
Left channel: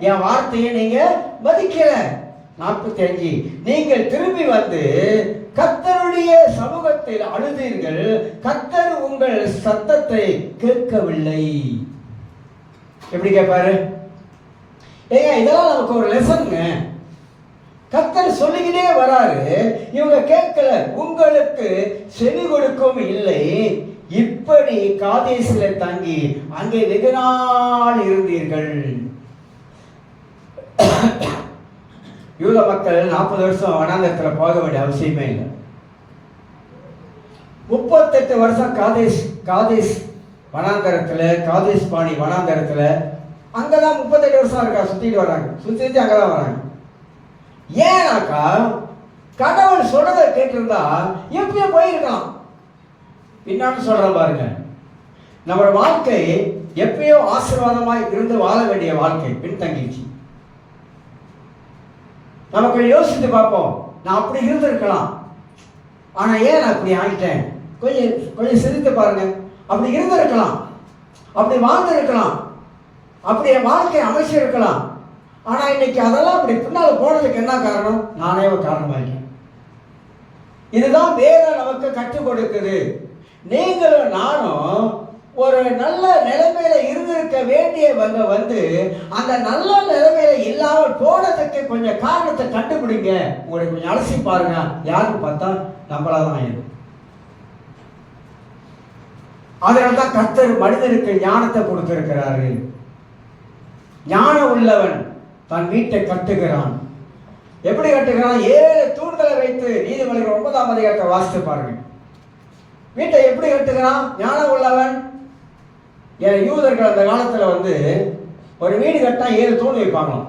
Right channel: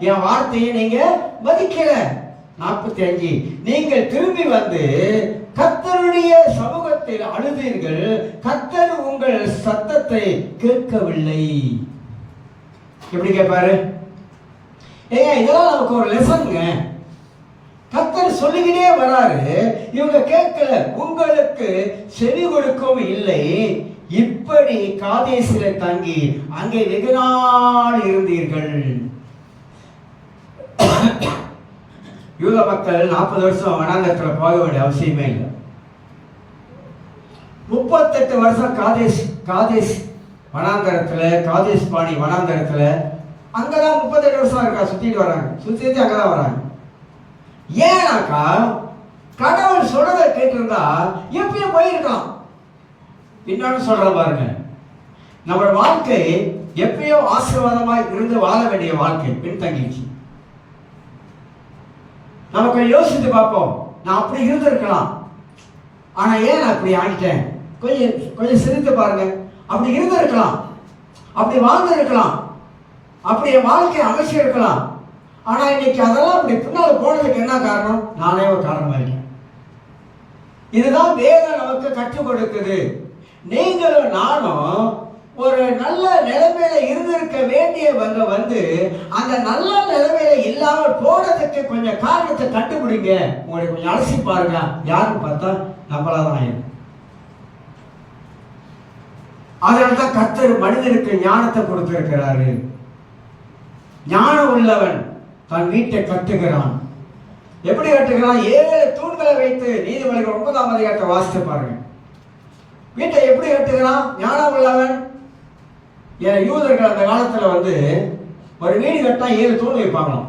என் வார்த்தையை நீங்க மதிக்கல. 45 நீங்கள் திரும்பி வந்து கர்த்தருடைய சமூகத்தில் அழுதீர்கள், கர்த்தர் உங்கள் சத்தத்தை கேட்கவில்லை. எப்படி கேட்பாரு? ஏங்க இதெல்லாம் நமக்கு ஒரு லெசன்ங்க. கர்த்தர் சொல்லிக்கிட்டே வராரு, இவங்க கேட்கல, உங்களுக்கு செவி கொடுக்கவும் இல்லை. இப்படி காதேசில தங்கி அங்கே வெகு நாள் இருந்தீர்கள். யூத மக்கள் 40 வருஷம் வனாந்தரத்தில் போக வேண்டிய அவசியமே இல்லை. 38 வருஷம் காதேஸ் வனாந்தரத்தில், காதேஸ் பாணி வனாந்தரத்தில், அங்கதான் 38 வருஷம் இருக்கா சுத்திட்டு வராங்க, சுத்திட்டு அங்கதான் வராங்க. ஏன்னாக்கா கடவுள் சொல்றதை கேட்டிருந்தா எப்பயும் போயிருக்கான். இன்னொன்னு சொல்ற பாருங்க, நம்ம வாழ்க்கை எப்பயோ ஆசீர்வாதமாய் இருந்து வாழ வேண்டிய வாழ்க்கை பின்தங்கிச்சு. நமக்கு யோசித்து பார்ப்போம், நான் அப்படி இருந்திருக்கலாம், ஆனா ஏன் நான் அப்படி ஆகிட்டேன்? கொஞ்சம் சிரித்து பாருங்க. அப்படி இருந்திருக்கலாம், அப்படி வாழ்ந்து இருக்கலாம், அப்படி என் வாழ்க்கையை அமைச்சு இருக்கலாம். ஆனா இன்னைக்கு அதெல்லாம் அப்படி பின்னால போனதுக்கு என்ன காரணம்? நானே ஒரு காரணமாயிருக்கேன். இதுதான் வேதம் நமக்கு கற்றுக் கொடுக்குது. நீங்களும் நானும் ஒரு நல்ல நிலைமையில இருந்திருக்க வேண்டியவங்க அந்த நல்ல நிலைமையில இல்லாமல் போனதுக்கு கொஞ்சம் காரணத்தை கண்டுபிடிங்க. உங்களை கொஞ்சம் அலசி பாருங்க. யாருன்னு பார்த்தா நம்மளாதான் இருக்கும். அதனால்தான் கர்த்தர் மனிதனுக்கு ஞானத்தை கொடுத்திருக்கிறாரு. ஞானம் உள்ளவன் தன் வீட்டை கட்டுகிறான். எப்படி கட்டுகிறான்? 7 தூண்கள் மேல வைத்து, நீதிமொழிகள் 9ஆம் அதிகாரத்தை வாசித்து பாருங்க. வீட்டை எப்படி கட்டுகிறான் ஞானம் உள்ளவன்? யூதர்கள் அந்த காலத்துல ஒரு வீடு கட்டா 7 தூண் வைப்பாங்களாம்.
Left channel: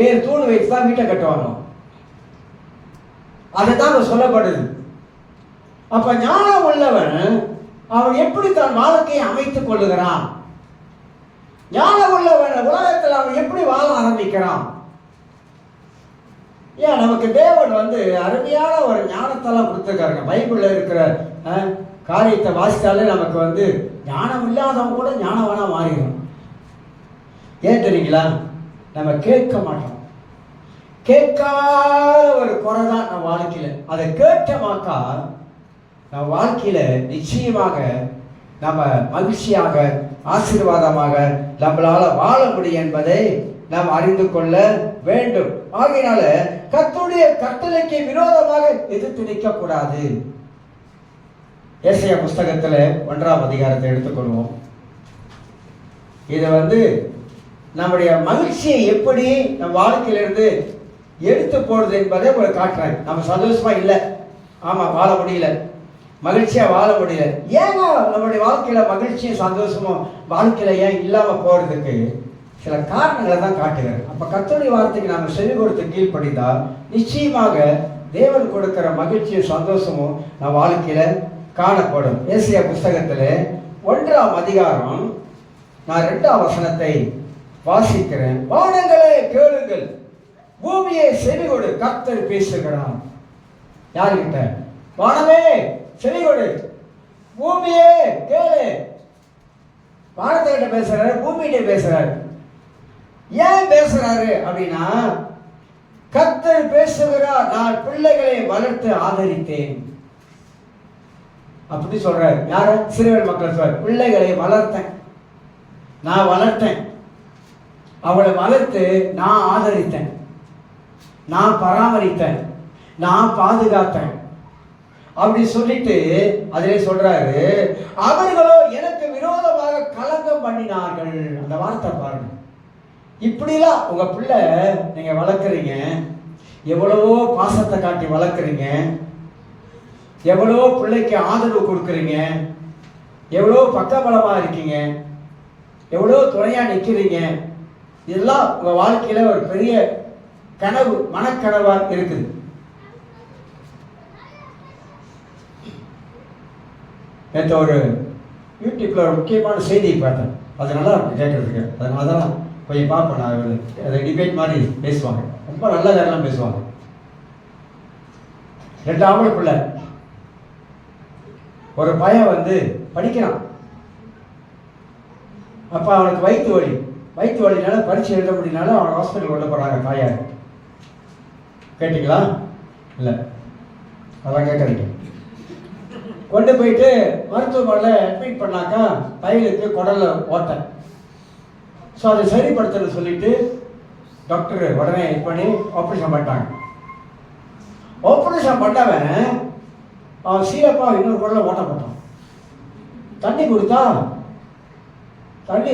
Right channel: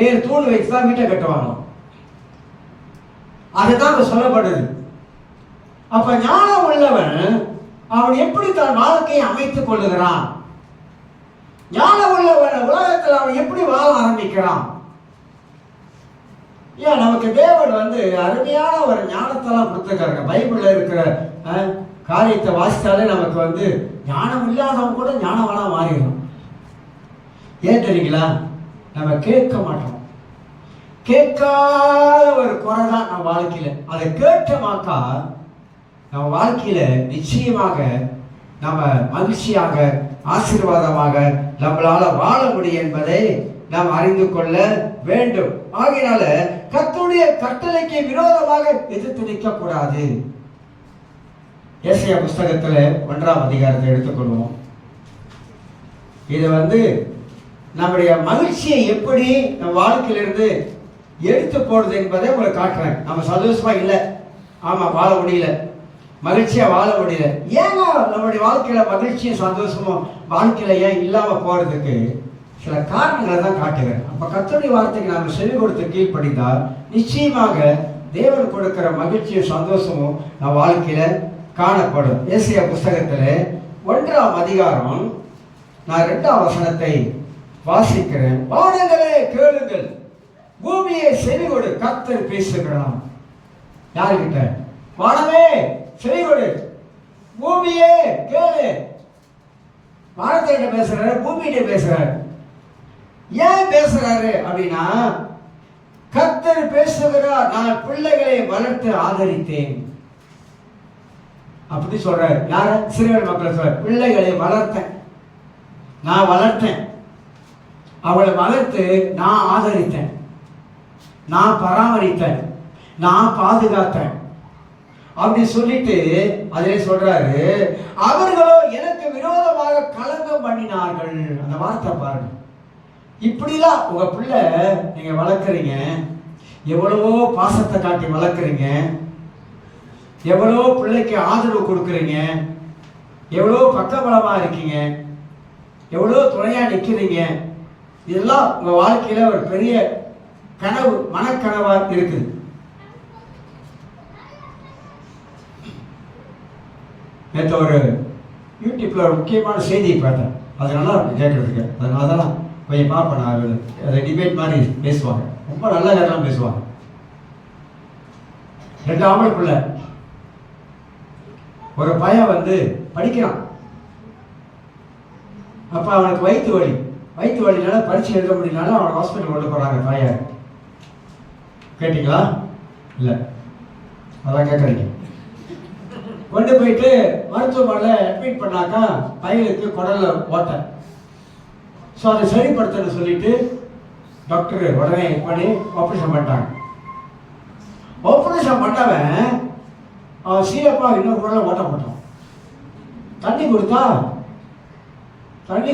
7 தூண் வைத்து தான் வீட்டை கட்டுவாங்க. அதுதான் சொல்லப்படுது. அப்ப ஞானம் உள்ளவன் அவன் எப்படி தன் வாழ்க்கையை அமைத்துக் கொள்ளுகிறான்? ஞானம் உள்ளவன் உலகத்தில் அவன் எப்படி வாழ ஆரம்பிக்கிறான்? ஏன் நமக்கு தேவன் அருமையான ஒரு ஞானத்தெல்லாம் கொடுத்துருக்காருங்க. பைபிள்ல இருக்கிற காரியத்தை வாசித்தாலே நமக்கு ஞானம் இல்லாதவன் கூட ஞானவனா மாறிடும். ஏன் தெரியுங்களா? நம்ம கேட்க மாட்டோம். கேட்காத ஒரு குறை தான் நம்ம வாழ்க்கையில. அதை கேட்டமாக்கா நம்ம வாழ்க்கையில நிச்சயமாக நம்ம மகிழ்ச்சியாக ஆசீர்வாதமாக நம்மளால வாழ முடியும் என்பதை நாம் அறிந்து கொள்ள வேண்டும். ஆகையினால கர்த்தருடைய கட்டளைக்கு விரோதமாக எதிர்த்து நிற்க கூடாது. ஏசாயா புஸ்தகத்துல 1ஆம் அதிகாரத்தை எடுத்துக்கொள்வோம். இதை நம்முடைய மகிழ்ச்சியை எப்படி நம்ம வாழ்க்கையிலிருந்து எடுத்து போடுறது என்பதை உங்களுக்கு காட்டுறாங்க. நம்ம சந்தோஷமா இல்லை, ஆமா வாழ முடியல, மகிழ்ச்சியா வாழ முடியல. ஏங்க நம்முடைய வாழ்க்கையில மகிழ்ச்சியும் சந்தோஷமும் வாழ்க்கையில ஏன் இல்லாம போறதுக்கு சில காரணங்களை தான் காட்டுகிறேன். அப்ப கர்த்தருடைய வார்த்தைக்கு நாம செவி கொடுத்து கீழ்ப்படிந்தா நிச்சயமாக தேவன் கொடுக்கிற மகிழ்ச்சியும் சந்தோஷமும் நம்ம வாழ்க்கையில காணப்படும். ஏசாயா புஸ்தகத்துல 1ஆம் அதிகாரம் நான் 2ஆம் வசனத்தை வாசிக்கிறேன். வானங்களே கேளுங்கள், பூமியை செவி கொடு, கர்த்தர் பேசுகிறான். யாருக்கிட்ட? வானமே செவி கொடு, பூமியே கேளு. வானத்திட்ட பேசுறாரு, பூமியிட்ட பேசுறாரு. ஏன் பேசுறாரு அப்படின்னா, கர்த்தர் பேசுகிறார், நான் பிள்ளைகளை வளர்த்து ஆதரித்தேன் அப்படி சொல்றாரு. யார? சிறுவர் மக்கள் சொல்ற பிள்ளைகளை வளர்த்தேன், நான் வளர்த்தேன், அவளை வளர்த்து நான் ஆதரித்தேன், நான் பராமரித்தேன், நான் பாதுகாத்தேன் அப்படி சொல்லிட்டு அதிலே சொல்றாரு, அவர்களோ எனக்கு விரோதமாக கலங்கம் பண்ணினார்கள். அந்த வார்த்தை பாருங்க. இப்படிலாம் உங்க பிள்ளை நீங்க வளர்க்குறீங்க, எவ்வளவோ பாசத்தை காட்டி வளர்க்குறீங்க, எவ்வளோ பிள்ளைக்கு ஆதரவு கொடுக்குறீங்க, எவ்வளோ பக்கபலமா இருக்கீங்க, எவ்வளோ துணையா நிற்கிறீங்க. இதெல்லாம் உங்க வாழ்க்கையில ஒரு பெரிய கனவு, மனக்கனவா இருக்குது. நேற்று ஒரு யூடியூப்ல ஒரு முக்கியமான செய்தியை பார்த்தேன். அது நல்லா இருக்கும் கேட்கறதுக்கு. அதனால தான் கொஞ்சம் பார்ப்பேன். நான் அதை டிபேட் மாதிரி பேசுவாங்க, ரொம்ப நல்ல காரணம் பேசுவாங்க. 2 ஆம்பளை பிள்ளை, ஒரு பையன் படிக்கிறான். அப்ப அவனுக்கு வயிற்று வலினால பரீட்சை எழுத முடியினால அவன் ஹாஸ்பிட்டல் கொண்டு போறாங்க தாயார். கேட்டீங்களா? இல்லை, அதான் கேட்கறீங்க. கொண்டு போயிட்டு மருத்துவமனையில் அட்மிட் பண்ணாக்கா பையனுக்கு குடல்ல ஓட்டை. ஸோ அதை சரிப்படுத்தணும்னு சொல்லிட்டு டாக்டர் உடனே பண்ணி ஆப்ரேஷன் பண்ணிட்டாங்க. ஆப்ரேஷன் பண்ணவன் அவன் சீரப்பா இன்னொரு குடலை ஓட்ட போட்டான். தண்ணி கொடுத்தா தண்ணி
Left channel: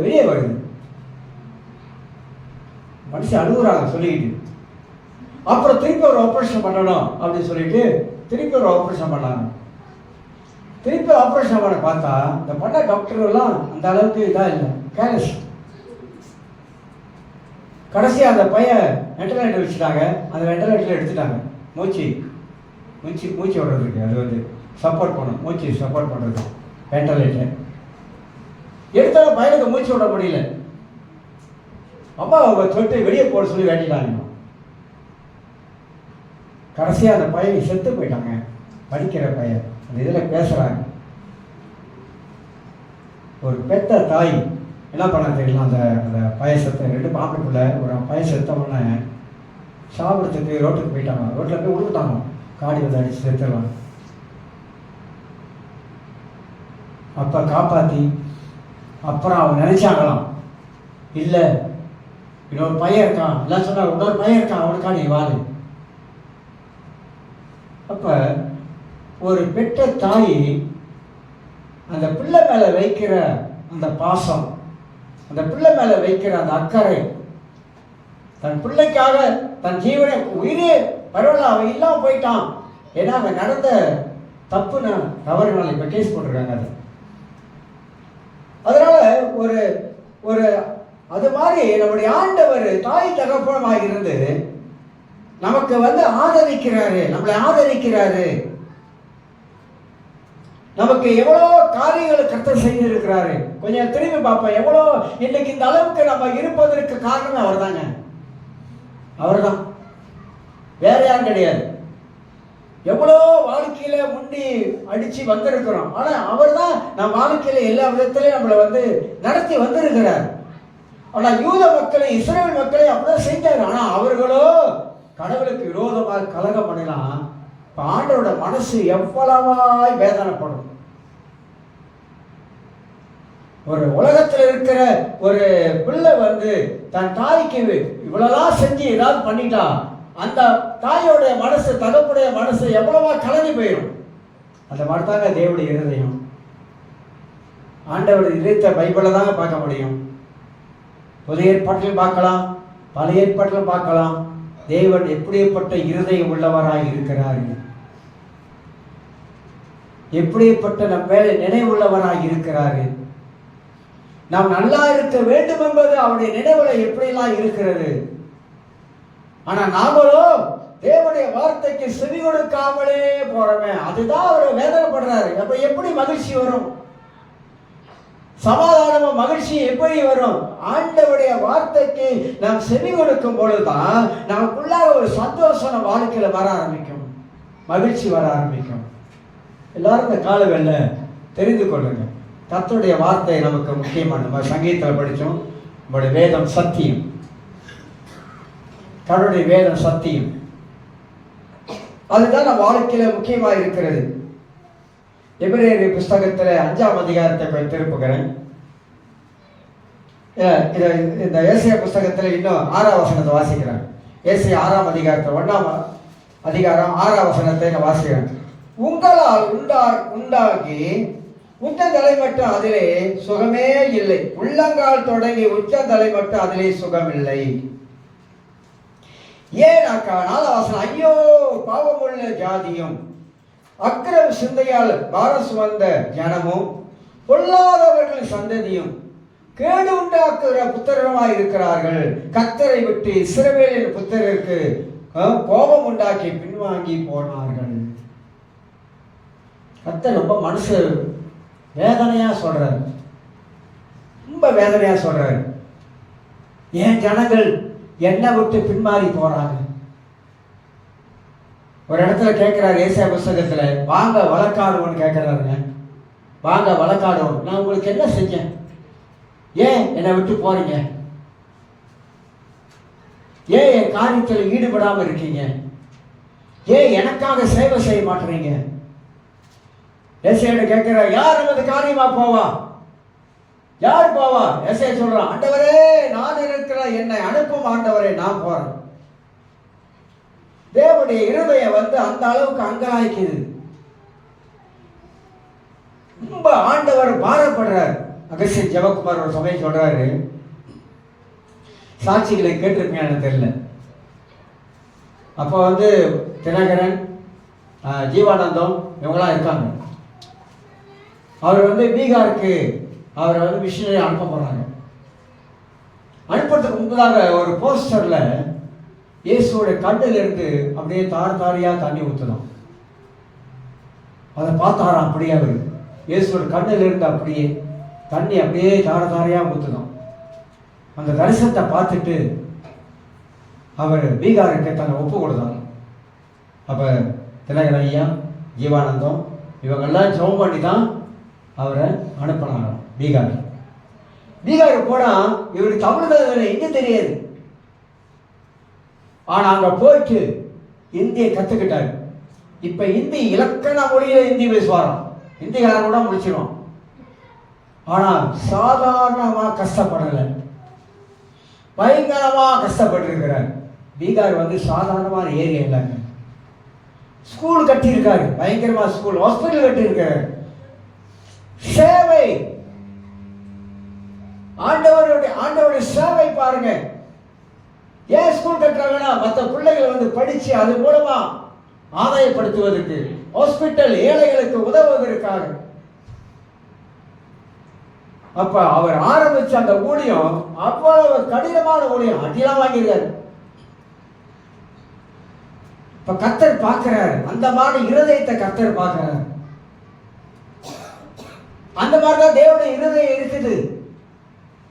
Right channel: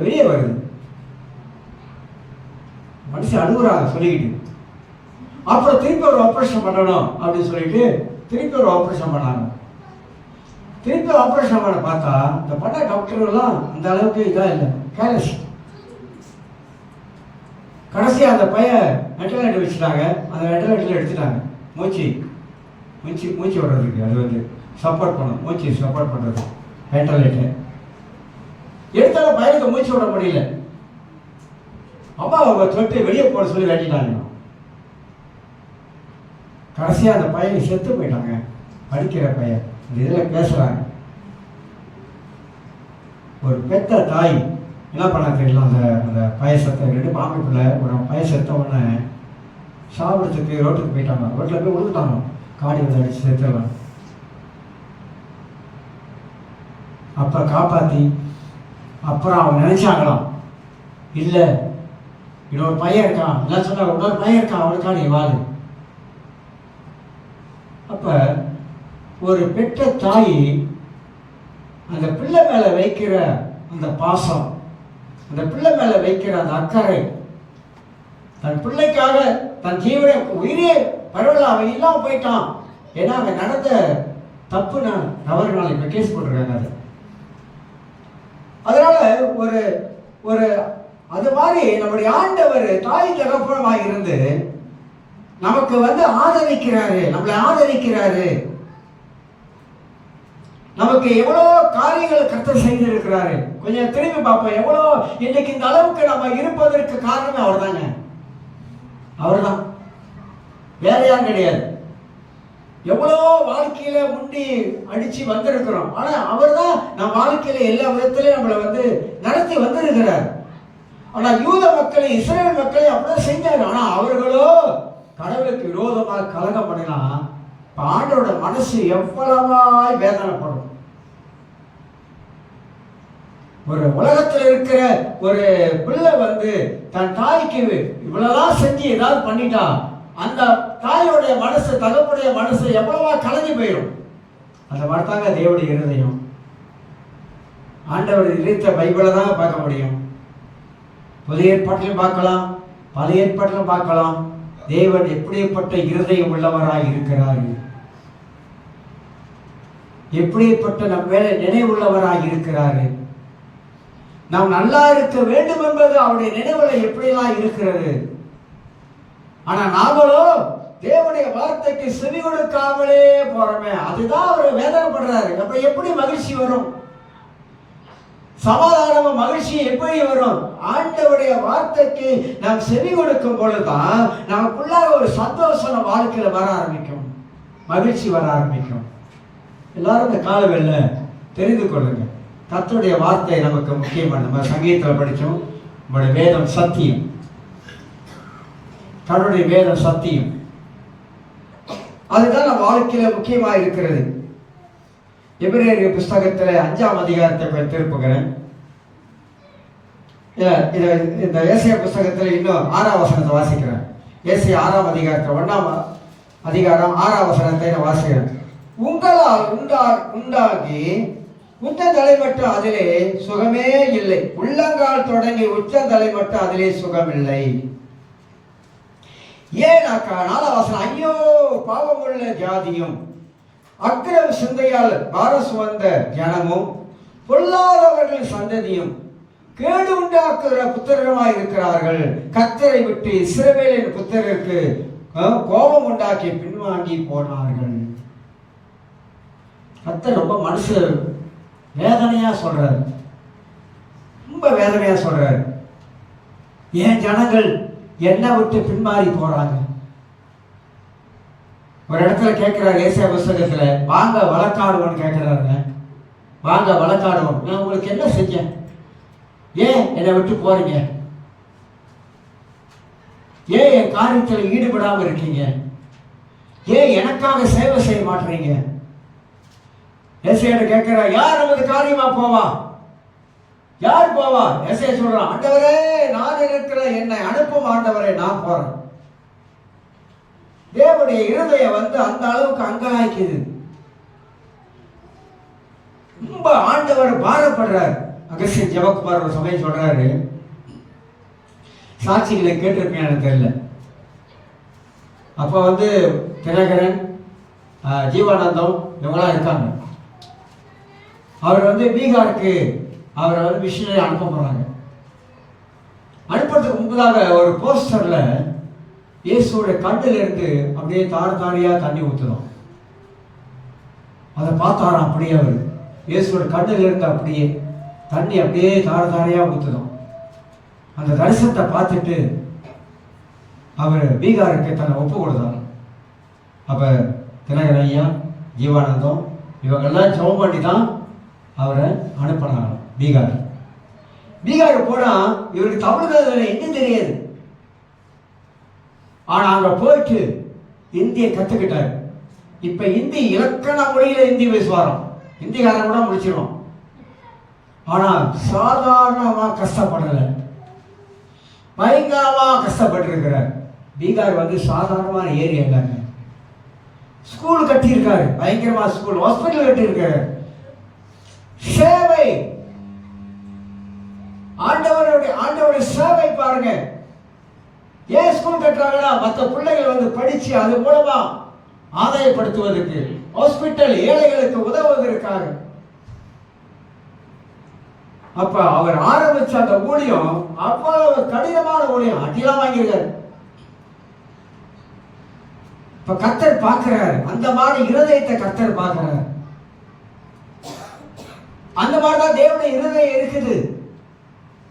வெளியே வருது. மனுஷன் அழுகுறாங்க சொல்லிக்கிட்டு. அப்புறம் திருப்பி ஒரு ஆப்ரேஷன் பண்ணணும் அப்படின்னு சொல்லிட்டு திருப்பி ஒரு ஆப்ரேஷன் பண்ணாங்க. திருப்பி ஆப்ரேஷன் பண்ண பார்த்தா இந்த பண்ண டாக்டர்கள்லாம் அந்த அளவுக்கு இதாக இல்லை, கேர்லெஸ். கடைசியாக அந்த பையன் வெண்டிலேட்டர் வச்சுட்டாங்க. அந்த வெண்டிலேட்டர் எடுத்துட்டாங்க. மூச்சு விடுறதுக்கு அது சப்போர்ட் பண்ணும், மூச்சு சப்போர்ட் பண்ணுறது வெண்டிலேட்டர் எடுத்தாலும் பையனுக்கு மூச்சு விட முடியல. அப்பா அவங்க தொட்டு வெளியே போட சொல்லி வேண்டிட்டாங்க. கடைசியாக அந்த பையன் செத்து போயிட்டாங்க. படிக்கிற பையன் அந்த இதில் பேசுகிறாங்க. ஒரு பெத்த தாய் என்ன பண்ண தெரியல, அந்த பயசத்தை 2 பாம்புக்குள்ள ஒரு பயசத்தை உடனே சாப்பிட்றதுக்கு ரோட்டுக்கு போயிட்டாங்க. ரோட்டில் போய் விழுந்துட்டாங்க, காடி அடிச்சு செத்துடலாம். அப்போ காப்பாற்றி அப்புறம் அவங்க நினைச்சாங்களாம், இல்லை இன்னொரு பையன் இருக்கான், இல்லை சொன்னாங்க இன்னொரு பையன் இருக்கான், அவனுக்கா நீ வாழு. அப்ப ஒரு பெற்ற தாய் அந்த பிள்ளை மேல வைக்கிற அந்த பாசம், அந்த பிள்ளை மேல வைக்கிற அந்த அக்கறை, தன் பிள்ளைக்காக தன் ஜீவனை உயிரே பரவாயில்ல, அவன் இல்லாம போயிட்டான். ஏன்னா அங்க நடந்த தப்புனா தவறுனால இப்ப கேஸ் போட்டிருக்காங்க. அது அதனால ஒரு ஒரு அது மாதிரி நம்முடைய ஆண்டவர் தாய் தகப்பனமாக இருந்து நமக்கு ஆதரிக்கிறாரு, நம்மளை ஆதரிக்கிறாரு. நமக்கு எவ்வளவோ காரியங்கள் கர்த்தர் செய்திருக்கிறாரு. கொஞ்சம் திரும்பி பார்ப்போம். எவ்வளோ இன்னைக்கு இந்த அளவுக்கு நம்ம இருப்பதற்கு காரணம் அவர் தாங்க. அவர் தான், வேற யாரும் கிடையாது. எவ்வளோ வாழ்க்கையில முண்டி அடிச்சு வந்திருக்கிறோம். ஆனா அவர் தான் நம் வாழ்க்கையில எல்லா விதத்திலையும் நம்மளை நடத்தி வந்திருக்கிறார். ஆனா யூத மக்களை, இஸ்ரேல் மக்களை அப்படிதான் செஞ்சாரு. ஆனா அவர்களோ கடவுளுக்கு விரோதமாக கலகம் பண்ணலாம். ஆண்டவரோட மனசு எவ்வளவாய் வேதனைப்படும். ஒரு உலகத்தில் இருக்கிற ஒரு பிள்ளை தன் தாய்க்கு இவ்வளவுதான் செஞ்சு ஏதாவது பண்ணிட்டா அந்த தாயோடைய மனசு, தகப்புடைய மனசு எவ்வளவா கலங்கி போயிடும். அந்த மாதிரிதாங்க தேவனுடைய இருதயம். ஆண்டவர் இருத்த பைபிளை தாங்க பார்க்க முடியும். புதிய ஏற்பாட்டிலும் பார்க்கலாம், பழைய ஏற்பாட்டிலும் பார்க்கலாம். தேவன் எப்படிப்பட்ட இருதயம் உள்ளவராய் இருக்கிறார், எப்படிப்பட்ட நம் மேலே நினைவுள்ளவராய் இருக்கிறாரு. நாம் நல்லா இருக்க வேண்டும் என்பது அவருடைய நினைவுல எப்படியெல்லாம் இருக்கிறது. ஆனா நாமளோ தேவனுடைய வார்த்தைக்கு செவி கொடுக்காமலே போறோமே, அதுதான் அவர் வேதனைப்படுறாரு. அப்ப எப்படி மகிழ்ச்சி வரும்? சமாதானமும் மகிழ்ச்சி எப்படி வரும்? ஆண்டவருடைய வார்த்தைக்கு நாம் செவி கொடுக்கும் பொழுதுதான் நமக்குள்ளாக ஒரு சந்தோஷம் வாழ்க்கையில வர ஆரம்பிக்கும், மகிழ்ச்சி வர ஆரம்பிக்கும். எல்லாரும் இந்த காலவெல்ல தெரிந்து கொள்ளுங்க, கர்த்தருடைய வார்த்தை நமக்கு முக்கியமான. நம்ம சங்கீதத்தில் படித்தோம், நம்முடைய வேதம் சத்தியம், கடவுளுடைய வேதம் சத்தியம். அதுதான் நம்ம வாழ்க்கையில முக்கியமா இருக்கிறது. எபிரேயர் புஸ்தகத்துல 5ஆம் அதிகாரத்தை திருப்புகிறேன். இந்த ஏசாயா புஸ்தகத்துல இன்னும் 6ஆம் வசனத்தை வாசிக்கிறேன். ஏசாயா 6ஆம் அதிகாரத்தில் 1ஆம் அதிகாரம் 6ஆம் வசனத்தை நான் வாசிக்கிறேன். உங்களால் உண்டாகி உச்சந்தலை மட்டும் அதிலே சுகமே இல்லை, உள்ளங்கால் தொடங்கி உச்சந்தலை மட்டும் அதிலே சுகம் இல்லை. ஏனாக்கா 4ஆம் வசனம், ஐயோ பாவமுள்ள ஜாதியும் அக்கிரம சிந்தையால் பாரசு வந்த ஜனமும் பொல்லாதவர்கள் சந்ததியும் கேடு உண்டாக்குகிற புத்திரமாய் இருக்கிறார்கள். கர்த்தரை விட்டு இஸ்ரவேலின் புத்திரருக்கு கோபம் உண்டாக்கி பின்வாங்கி போனார்கள். கர்த்தர் ரொம்ப மனசு வேதனையா சொல்றாரு, ரொம்ப வேதனையா சொல்றாரு. ஏன் ஜனங்கள் என்னை விட்டு பின்மாறி போறாங்க? ஒரு இடத்துல கேட்கிறாரு ஏசாயா புஸ்தகத்துல, வாங்க வழக்காடுவோன்னு கேட்கிறாருங்க. வாங்க வழக்காடுவோம், நான் உங்களுக்கு என்ன செஞ்சேன்? ஏன் என்னை விட்டு போறீங்க? ஏன் என் காரியத்தில் ஈடுபடாம இருக்கீங்க? ஏன் எனக்காக சேவை செய்ய மாட்டீங்க? ஏசாயா கேட்கிற, யார் நமது காரியமா போவா? யார் போவா? ஏசாயா சொல்றான், ஆண்டவரே நான் இருக்கிற, என்னை அனுப்பும் ஆண்டவரே, நான் போறேன். தேவனுடைய இருதயம் அந்த அளவுக்கு அங்கலாய்க்குது. ரொம்ப ஆண்டவர் பாரப்படுறார். அகஸ்தியன் ஜெபக்குமார் ஒரு சமயம் சொல்றாரு, சாட்சிகளை கேட்டிருப்பேன் தெரியல. அப்போ தினகரன், ஜீவானந்தம் இவங்களாம் இருக்காங்க. அவர் பீகாருக்கு அவரை மிஷினரி அனுப்ப போறாங்க. அனுப்புறதுக்கு முன்பதாக ஒரு போஸ்டர்ல இயேசுடைய கண்ணில் இருந்து அப்படியே தாரியா தண்ணி ஊற்றணும். அதை பார்த்தாராம். அப்படியே அவர் இயேசுவோட கண்ணில் இருந்து அப்படியே தண்ணி அப்படியே தாரியா ஊற்றணும். அந்த தரிசனத்தை பார்த்துட்டு அவர் பீகாருக்கு தன்னை ஒப்பு கொடுத்தார். அப்போ தினகரன் ஐயா, ஜீவானந்தம் இவங்கெல்லாம் ஜெபம் பண்ணி தான் அவரை அனுப்பினாங்க பீகார். பீகாருக்கு போனால் இவருக்கு தமிழ் எங்க தெரியாது. ஆனா அங்க போயிட்டு இந்தியை கத்துக்கிட்டாரு. இப்ப இந்தி இலக்கண மொழியில இந்தி பேசுவாராம். இந்திக்காரன் கூட முடிச்சிடும். ஆனா சாதாரணமா கஷ்டப்படல, பயங்கரமா கஷ்டப்பட்டு இருக்கிறார். பீகார் சாதாரணமான ஏரியா இல்லைங்க. ஸ்கூல் கட்டி இருக்காரு, பயங்கரமா ஸ்கூல், ஹாஸ்பிட்டல் கட்டி இருக்காரு. சேவை, ஆண்டவருடைய சேவை பாருங்க. ஏன் ஸ்கூல் கட்டுறாங்கன்னா மற்ற பிள்ளைகள் வந்து படிச்சு அது மூலமா ஆதாயப்படுத்துவதற்கு, ஹாஸ்பிட்டல் ஏழைகளுக்கு உதவுவதற்காக. அப்ப அவர் ஆரம்பிச்ச அந்த ஊழியம் அவ்வளவு கடினமான ஊழியம், அடிலாம் வாங்கியிருக்காரு. இப்ப கர்த்தர் பார்க்கிறார், அந்த மாதிரி இருதயத்தை கர்த்தர் பார்க்கிறார். அந்த மாதிரிதான் தேவனுடைய இருதயம் இருக்குது.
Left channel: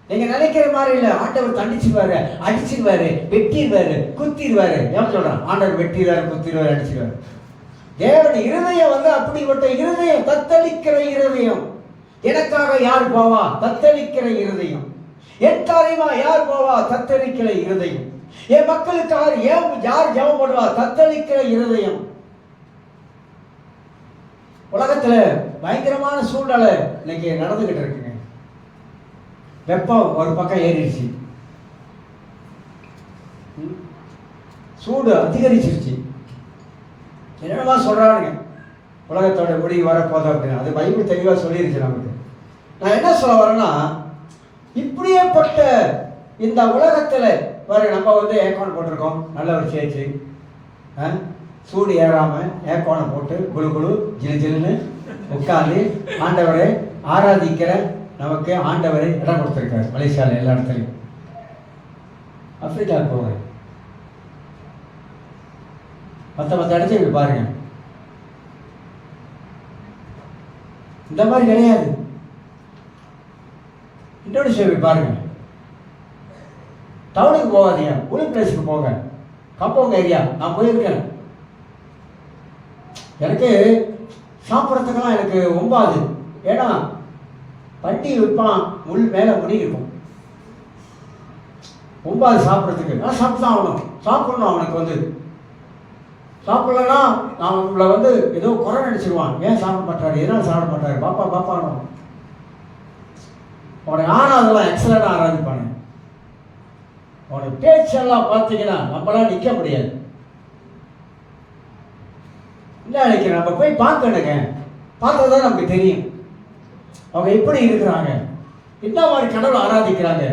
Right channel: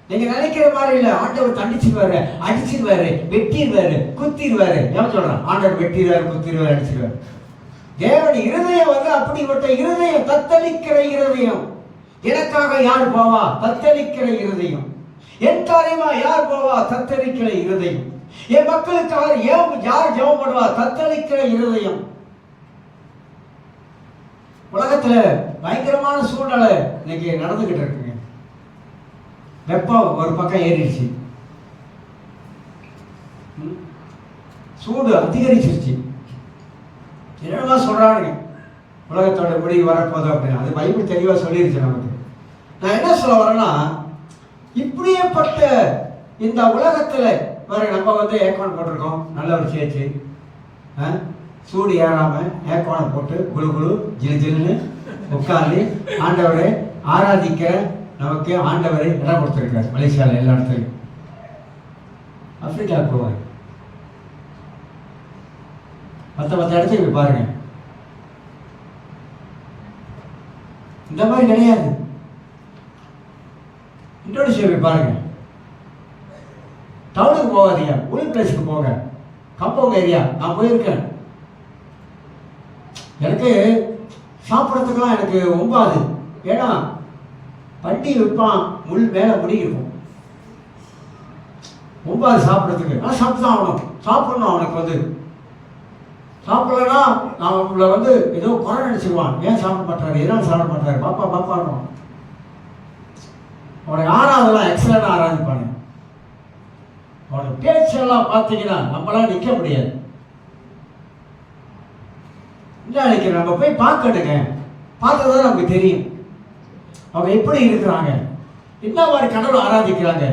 நீங்க நினைக்கிற மாதிரி இல்ல. ஆண்டவர் தண்டிச்சுவாரு, அடிச்சிருவாரு, வெட்டிடுவாரு, குத்திடுவாரு. ஏன் சொல்றான்? ஆண்டவர் வெட்டிடுவாரு, குத்திடுவாரு, அடிச்சிருவாரு. தேவனுடைய இருதயம் வந்து அப்படிப்பட்ட இருதயம், தத்தளிக்கிற இருதயம். எனக்காக யார் போவா? தத்தளிக்கிற இருதயம். என் காரியமா யார் போவா? தத்தளிக்கிற இருதயம். என் மக்களுக்காக யார் ஜெபம் பண்ணுவா? தத்தளிக்கிற இருதயம். உலகத்துல பயங்கரமான சூழ்நிலை இன்னைக்கு நடந்துகிட்டு இருக்குங்க. வெப்பம் ஒரு பக்கம் ஏறிடுச்சு, சூடு அதிகரிச்சிருச்சு. என்னென்னமா சொல்றானுங்க, உலகத்தோட முடிவு வரப்போதும் அப்படின்னு. அது பைபிள் தெளிவாக சொல்லிருச்சு நமக்கு. நான் என்ன சொல்ல வரேன்னா, இப்படியேப்பட்ட இந்த உலகத்தில் வர நம்ம வந்து ஏர்கான் போட்டிருக்கோம், நல்ல ஒரு சேர்ச்சி, சூடு ஏறாமல் ஏர்கானை போட்டு குழு குழு ஜிலு ஜிலுன்னு உட்காந்து ஆண்டவரை ஆராதிக்கிற நமக்கு ஆண்டவரை இடம் கொடுத்துருக்காரு. மலேசியாவில் எல்லா இடத்துலையும், ஆப்பிரிக்கா போவேன், மற்ற இடத்துல பாருங்க, இந்த மாதிரி கிடையாது. இந்தோனேஷியாவை பாருங்க, டவுனுக்கு போகாதீங்க, ஊழல் பிளேஸுக்கு போங்க, கம்போங்க ஏரியா. நான் போயிருக்கேன். எனக்கு சாப்பிட்றதுக்கெல்லாம் எனக்கு ஒம்பாது. ஏன்னா பட்டி விற்பான், முள் மேலே முடி இருக்கும், ஒம்பாது சாப்பிட்றதுக்கு. நான் சாப்பிட்டு தான் ஆகணும், சாப்பிடணும். அவனுக்கு வந்து சாப்பிடலன்னா நான் உங்களை வந்து ஏதோ குறை நினைச்சிருவான். ஏன் சாப்பிட மாட்டாரு, எதனால் சாப்பிட மாட்டாரு, பாப்பா பாப்பான்னு அவனை ஆறாதெல்லாம் எக்ஸலண்ட் ஆராதிப்பானு. அவனுக்கு பேச்செல்லாம் பார்த்தீங்கன்னா நம்மளாம் நிற்க முடியாது. இன்னைக்கு நம்ம போய் பார்க்கணுங்க, பார்த்தா தான் நமக்கு தெரியும் அவங்க எப்படி இருக்கிறாங்க, என்ன மாதிரி கடவுளை ஆராதிக்கிறாங்க,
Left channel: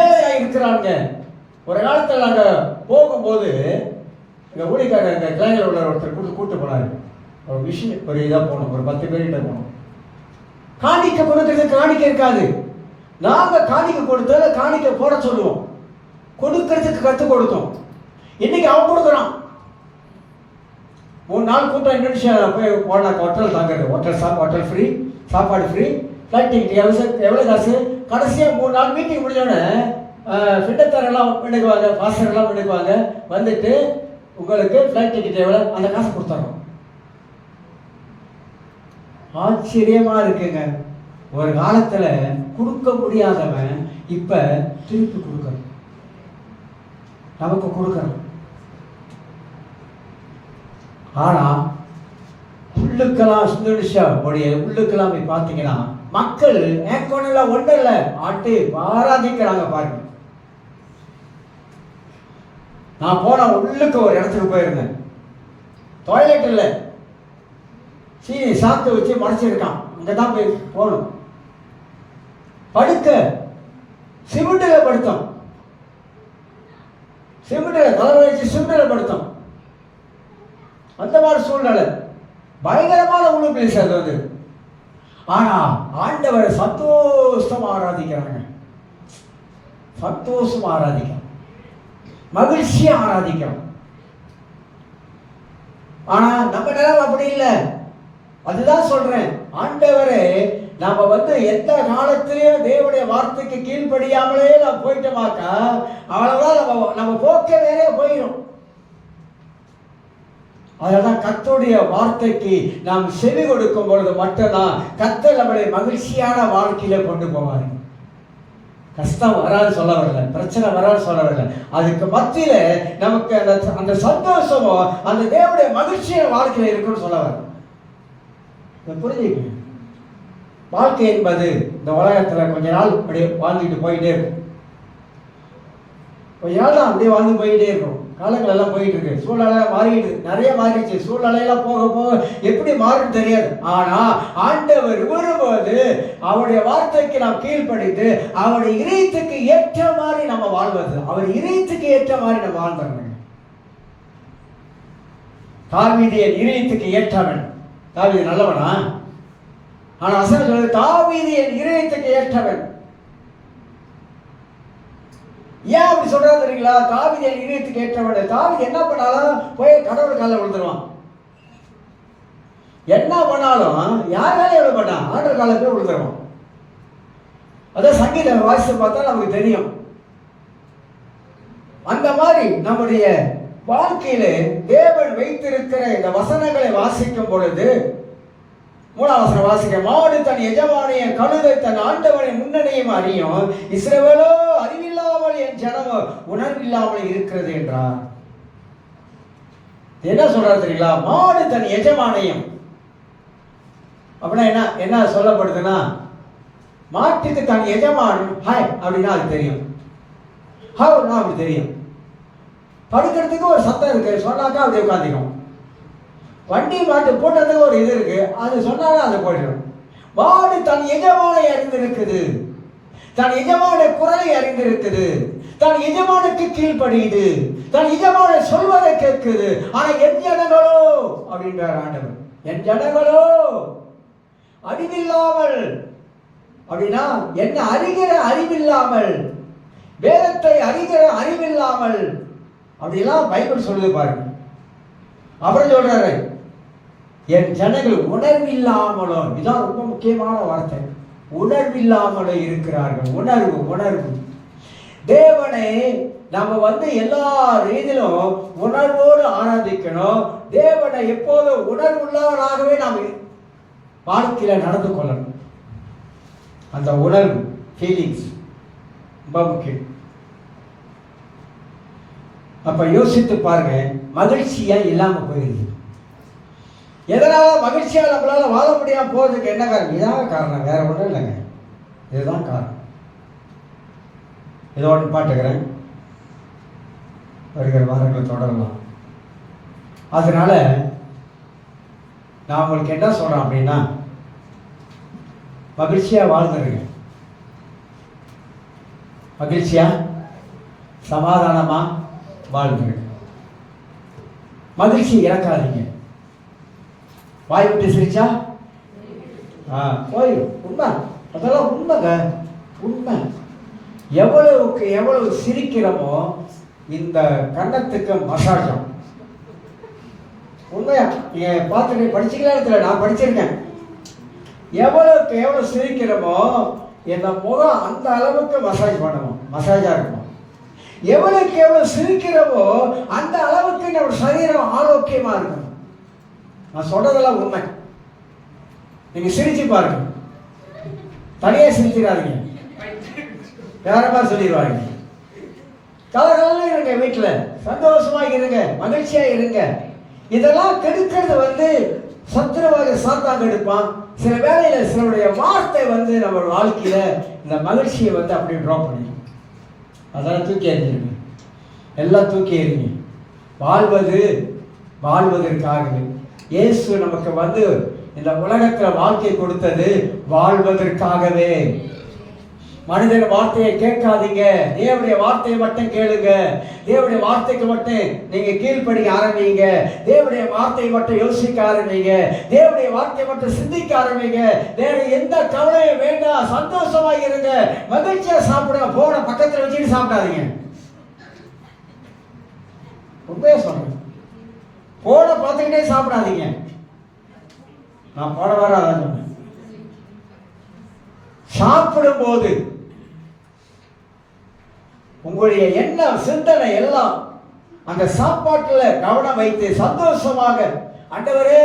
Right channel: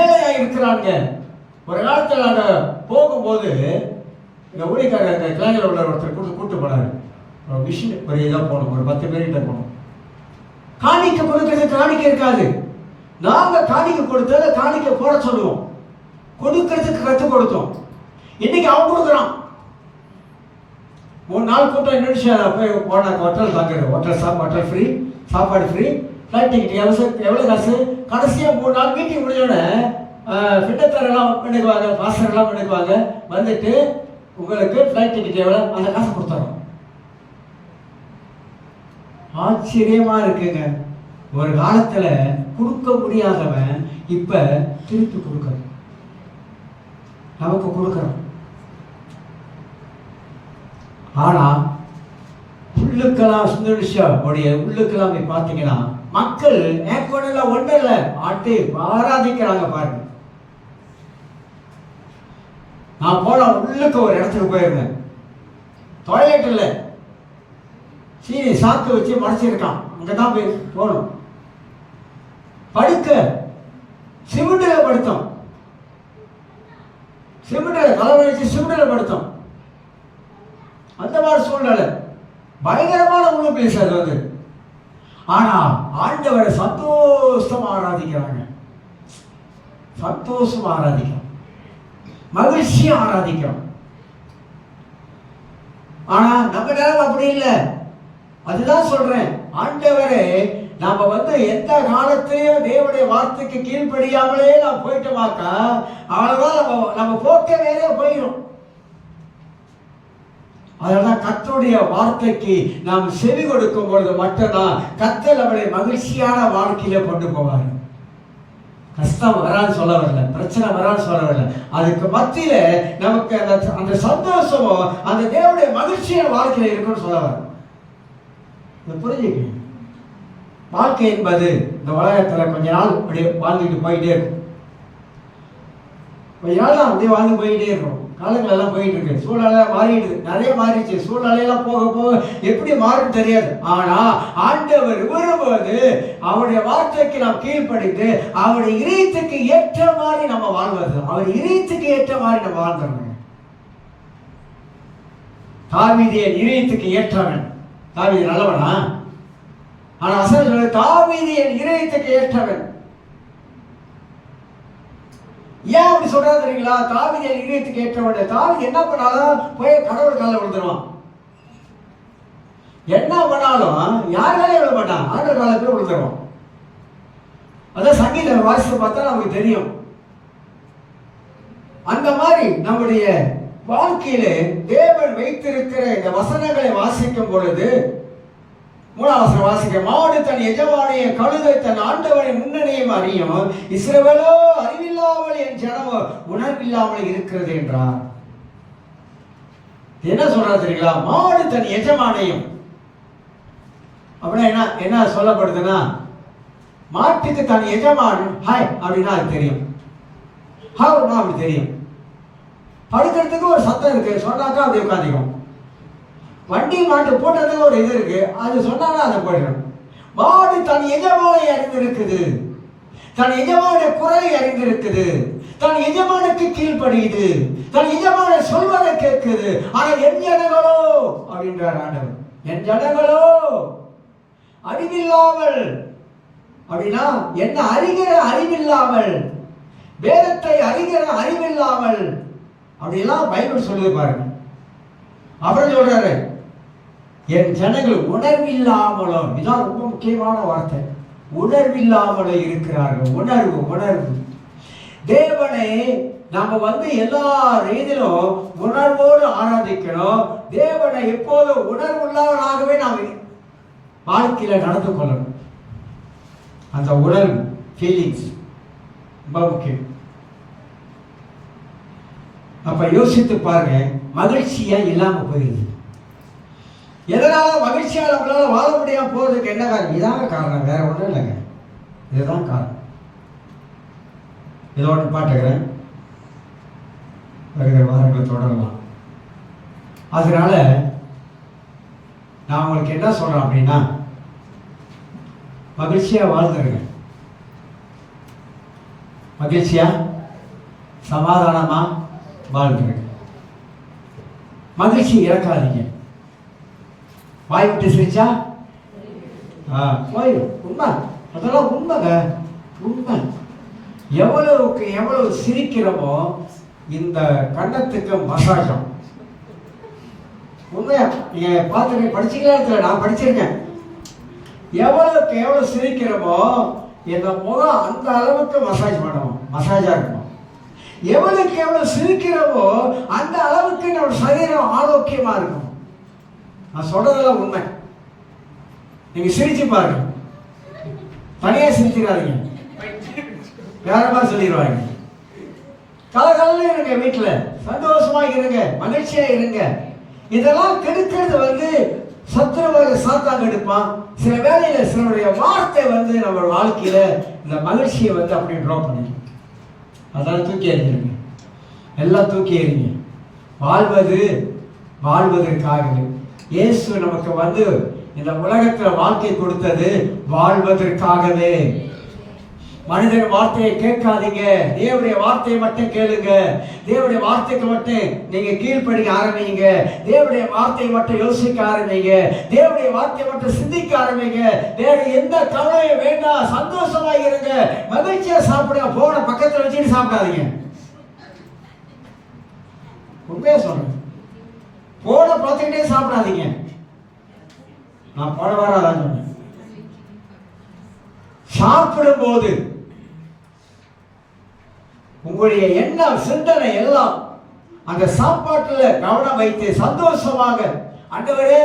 ஏழையாக இருக்கிறாங்க. ஒரு காலத்தில் நாங்கள் போகும்போது எங்கள் ஊழியக்காரர் எங்கள் கிளைஞர் உள்ள ஒருத்தர் கூட்டு போனார். ஒரு மிஷின் ஒரு இதாக போகணும், ஒரு 10 பேர்கிட்ட போகணும். காணிக்க கொடுக்கறதுக்கு காணிக்க இருக்காது. நாங்கள் காணிக்க கொடுத்தா காணிக்க போட சொல்லுவோம், கொடுக்கறதுக்கு கற்றுக் கொடுத்தோம். இன்னைக்கு அவன் கொடுக்குறான். 3 நாள் கூட்டம் இந்தோனேஷியா போய் போன ஹோட்டல் தாங்கிறது, ஹோட்டல் ஃப்ரீ, சாப்பாடு ஃப்ரீ, ஃப்ளைட் டிக்கெட் எவ்வளோ காசு. கடைசியாக 3 நாள் மீட்டிங் முடிஞ்சோடனே ஃபிட்டத்தரெல்லாம் எடுக்குவாங்க, பாஸ்டர்லாம் எடுக்குவாங்க, வந்துட்டு உங்களுக்கு ஃப்ளைட் டிக்கெட் எவ்வளோ, அந்த காசை கொடுத்துறோம். ஆச்சரியமா இருக்குங்க. ஒரு காலத்துல கொடுக்க முடியாதவன் இப்ப திருப்பி கொடுக்கணும், நமக்கு கொடுக்கணும். ஆனா உள்ளுக்கெல்லாம் இந்தோனேஷியா உள்ளுக்கெல்லாம் போய் பார்த்தீங்கன்னா மக்கள் ஏக்கோனில் ஒன்றும் இல்லை, ஆட்டி ஆராதிக்கிறாங்க பாருங்க. நான் போன உள்ளுக்கு ஒரு இடத்துக்கு போயிருந்தேன், டாய்லெட் இல்லை, சீனி சாக்கு வச்சு மறைச்சிருக்கான், அங்கதான் போய் போகணும். படுக்க சிமெண்டில் படுத்தோம், சிமெண்டில் தலைமை வச்சு சிமெண்டில் படுத்தோம். அந்த மாதிரி சூழ்நிலை பயங்கரமான உள்ள பிளேஸ் அது வந்து. ஆனா ஆண்டவரை சந்தோஷமா ஆராதிக்கிறாங்க, சந்தோஷமா ஆராதிக்கிறோம், மகிழ்ச்சியா ஆராதிக்கிறோம். ஆனா நம்ம நேரம் அப்படி இல்லை. அதுதான் சொல்றேன், ஆண்டவரே நாம வந்து எந்த காலத்திலேயும் தேவனுடைய வார்த்தைக்கு கீழ்ப்படியாமலே நாம் போயிட்டோமாக்கா அவ்வளவுதான், நம்ம போக்க வேறே போயிடும். அதனால்தான் கர்த்தருடைய வார்த்தைக்கு நாம் செவி கொடுக்கும் பொழுது மட்டும்தான் கர்த்தர் நம்மளை மகிழ்ச்சியான வாழ்க்கையில கொண்டு போவார். கஷ்டம் வரான்னு சொல்ல வரல, பிரச்சனை வரான்னு சொல்ல வரல, அதுக்கு மத்தியில நமக்கு அந்த சந்தோஷமும் அந்த தேவனுடைய மகிழ்ச்சியான வாழ்க்கையில இருக்குன்னு சொல்ல வர. புரிஞ்சுக்க, வாழ்க்கை என்பது இந்த உலகத்துல கொஞ்ச நாள் அப்படியே வாழ்ந்துட்டு போயிட்டே இருக்கும், கொஞ்ச நாள் தான் அப்படியே வாழ்ந்து போயிட்டே இருக்கும். காலங்கள் எல்லாம் போயிட்டு இருக்கு, சூழ்நிலை மாறிடுது, நிறைய மாறிடுச்சு. சூழ்நிலையெல்லாம் போக போக எப்படி மாறும் தெரியாது. ஆனா ஆண்டவர் வரும்போது அவருடைய வார்த்தைக்கு நாம் கீழ்ப்படிந்து அவருடைய இதயத்துக்கு ஏற்ற மாதிரி நம்ம வாழ்வது, அவர் இதயத்துக்கு ஏற்ற மாதிரி நம்ம வாழ்ந்துடணும். தாவீதின் இதயத்துக்கு ஏற்றவன். தாவீது நல்லவனா? ஆனா வசனம் தாவீதின் இதயத்துக்கு ஏற்றவன். ஏன் அப்படி சொல்றது தெரியுங்களா? தாவீதின் இதயத்துக்கு ஏற்றவன். தாவீது என்ன பண்ணாலும் போய் கடவுள் காலில் விழுந்துருவான். என்ன பண்ணாலும் யார் காலையும் விழ மாட்டான், ஆண்டவர் காலில் போய் விழுந்துருவான். அதான் சங்கீத வாசித்து பார்த்தா நமக்கு தெரியும். அந்த மாதிரி நம்முடைய வாழ்க்கையிலே தேவன் வைத்திருக்கிற இந்த வசனங்களை வாசிக்கும் பொழுது, 3ஆம் வசனம் வாசிக்க, மாடு தன் எஜமானைய, கழுதை தன் ஆண்டவனை முன்னணியும் அறியும், இஸ்ரவேலோ அறிவில்லாமல் என் ஜனமோ உணர்வில்லாமல் இருக்கிறது என்றார். என்ன சொல்றாரு தெரியுங்களா? மாடு தன் எஜமானையும் அப்படின்னா என்ன என்ன சொல்லப்படுதுன்னா, மாட்டுக்கு தன் எஜமான் ஹாய் அப்படின்னா அது தெரியும், ஹவுனா அப்படி தெரியும். படுக்கிறதுக்கு ஒரு சத்தம் இருக்கு, சொன்னாக்கா அப்படி உட்காந்துக்கும். வண்டி மாட்டு போட்டதுக்கு ஒரு இது இருக்கு, அது சொன்னாலும் அதை போயிடும். மாடு தன் எஜமானை அறிந்திருக்குது, தன் எஜமான குரலை அறிந்திருக்குது, தன் எஜமானுக்கு கீழ்ப்படியுது, தன் எஜமான சொல்வதை கேட்குது. ஆனா என் ஜனங்களோ அப்படின்றார் ஆண்டவர், என் ஜனங்களோ அறிவில்லாமல், அப்படின்னா என்ன அறிகிற அறிவில்லாமல், வேதத்தை அறிகிற அறிவில்லாமல், அப்படிலாம் பைபிள் சொல்லுது பாருங்க. அவர் சொல்றாரு என் ஜனங்கள் உணர்வில்லாமலோ, இதுதான் ரொம்ப முக்கியமான வார்த்தை, உணர்வில்லாமலோ இருக்கிறார்கள். உணர்வு உணர்வு தேவனை நாம எல்லா ரீதியிலும் உணர்வோடு ஆராதிக்கணும். தேவனை எப்போது உணர்வுள்ளவனாகவே நாம் வாழ்க்கையில நடந்து கொள்ளணும். அந்த உணர்வு ஃபீலிங்ஸ் ரொம்ப முக்கியம். அப்ப யோசித்து பாருங்க, மகிழ்ச்சியா இல்லாம போயிருக்கு. எதனால மகிழ்ச்சியா நம்மளால வாழ முடியாம போறதுக்கு என்ன காரணம்? இதாங்க காரணம், வேற ஒன்றும் இல்லைங்க, இதுதான் காரணம். இதை ஒன்று பாட்டுக்கிறேன், வருகிற வாரங்களை தொடரலாம். அதனால நான் உங்களுக்கு என்ன சொல்றேன் அப்படின்னா, மகிழ்ச்சியா வாழ்ந்துருங்க, மகிழ்ச்சியா சமாதானமா வாழ்ந்துருங்க, மகிழ்ச்சி இறக்காதீங்க. வாய் விட்டு சிரிச்சா போய் உண்மை, அதெல்லாம் உண்மைங்க, உண்மை. எவ்வளவுக்கு எவ்வளவு சிரிக்கிறோமோ இந்த கன்னத்துக்கு மசாஜம். உண்மையா நீங்க பார்த்துருக்கீங்க, படிச்சீங்களா? இடத்துல நான் படிச்சிருக்கேன். எவ்வளவுக்கு எவ்வளவு சிரிக்கிறோமோ இந்த முகம் அந்த அளவுக்கு மசாஜ் பண்ணணும், மசாஜா இருக்கணும். எவ்வளவுக்கு எவ்வளவு சிரிக்கிறோமோ அந்த அளவுக்கு நம்ம சரீரம் ஆரோக்கியமா இருக்கும். நான் சொல்றதெல்லாம் உண்மை. நீங்க சிரிச்சு பாருங்க, தனியா சிரிச்சிடாதீங்க, வேற மாதிரி சொல்லிடுவாங்க. கலகலன்னு இருங்க, வீட்டுல சந்தோஷமா இருங்க, மகிழ்ச்சியா இருங்க. இதெல்லாம் கெடுக்கிறது சத்துருவாக சாத்தான் எடுப்பான். சில வேளையில சிலருடைய வார்த்தை நம்ம வாழ்க்கையில இந்த மகிழ்ச்சியை அப்படியே ட்ராப் பண்ணிடும். அதெல்லாம் தூக்கி எறிஞ்சிருங்க, எல்லாம் தூக்கி எறிங்க. வாழ்வதற்காகவே இயேசு நமக்கு இந்த உலகத்துல வாழ்க்கை கொடுத்தது வாழ்வதற்காகவே. மனிதன் வார்த்தையை கேட்காதீங்க, தேவனுடைய வார்த்தையை மட்டும் கேளுங்க. தேவனுடைய வார்த்தைக்கு மட்டும் நீங்க கீழ்ப்படிக்க ஆரம்பிங்க. தேவனுடைய வார்த்தையை மட்டும் யோசிக்க ஆரம்பிங்க. தேவனுடைய வார்த்தையை மட்டும் சிந்திக்க ஆரம்பிங்க. வேற எந்த கவலையும் வேண்டாம், சந்தோஷமா இருங்க, மகிழ்ச்சியா சாப்பிடுங்க. போன பக்கத்துல வச்சுட்டு சாப்பிடாதீங்க. உண்மையா சொல்றேன், போன பார்த்துக்கிட்டே சாப்பிடாதீங்க. நான் போட வராதான் சொன்னேன். சாப்பிடும் போது உங்களுடைய எண்ணம் சிந்தனை எல்லாம் அந்த சாப்பாட்டுல கவனம் வைத்து சந்தோஷமாக, ஆண்டவரே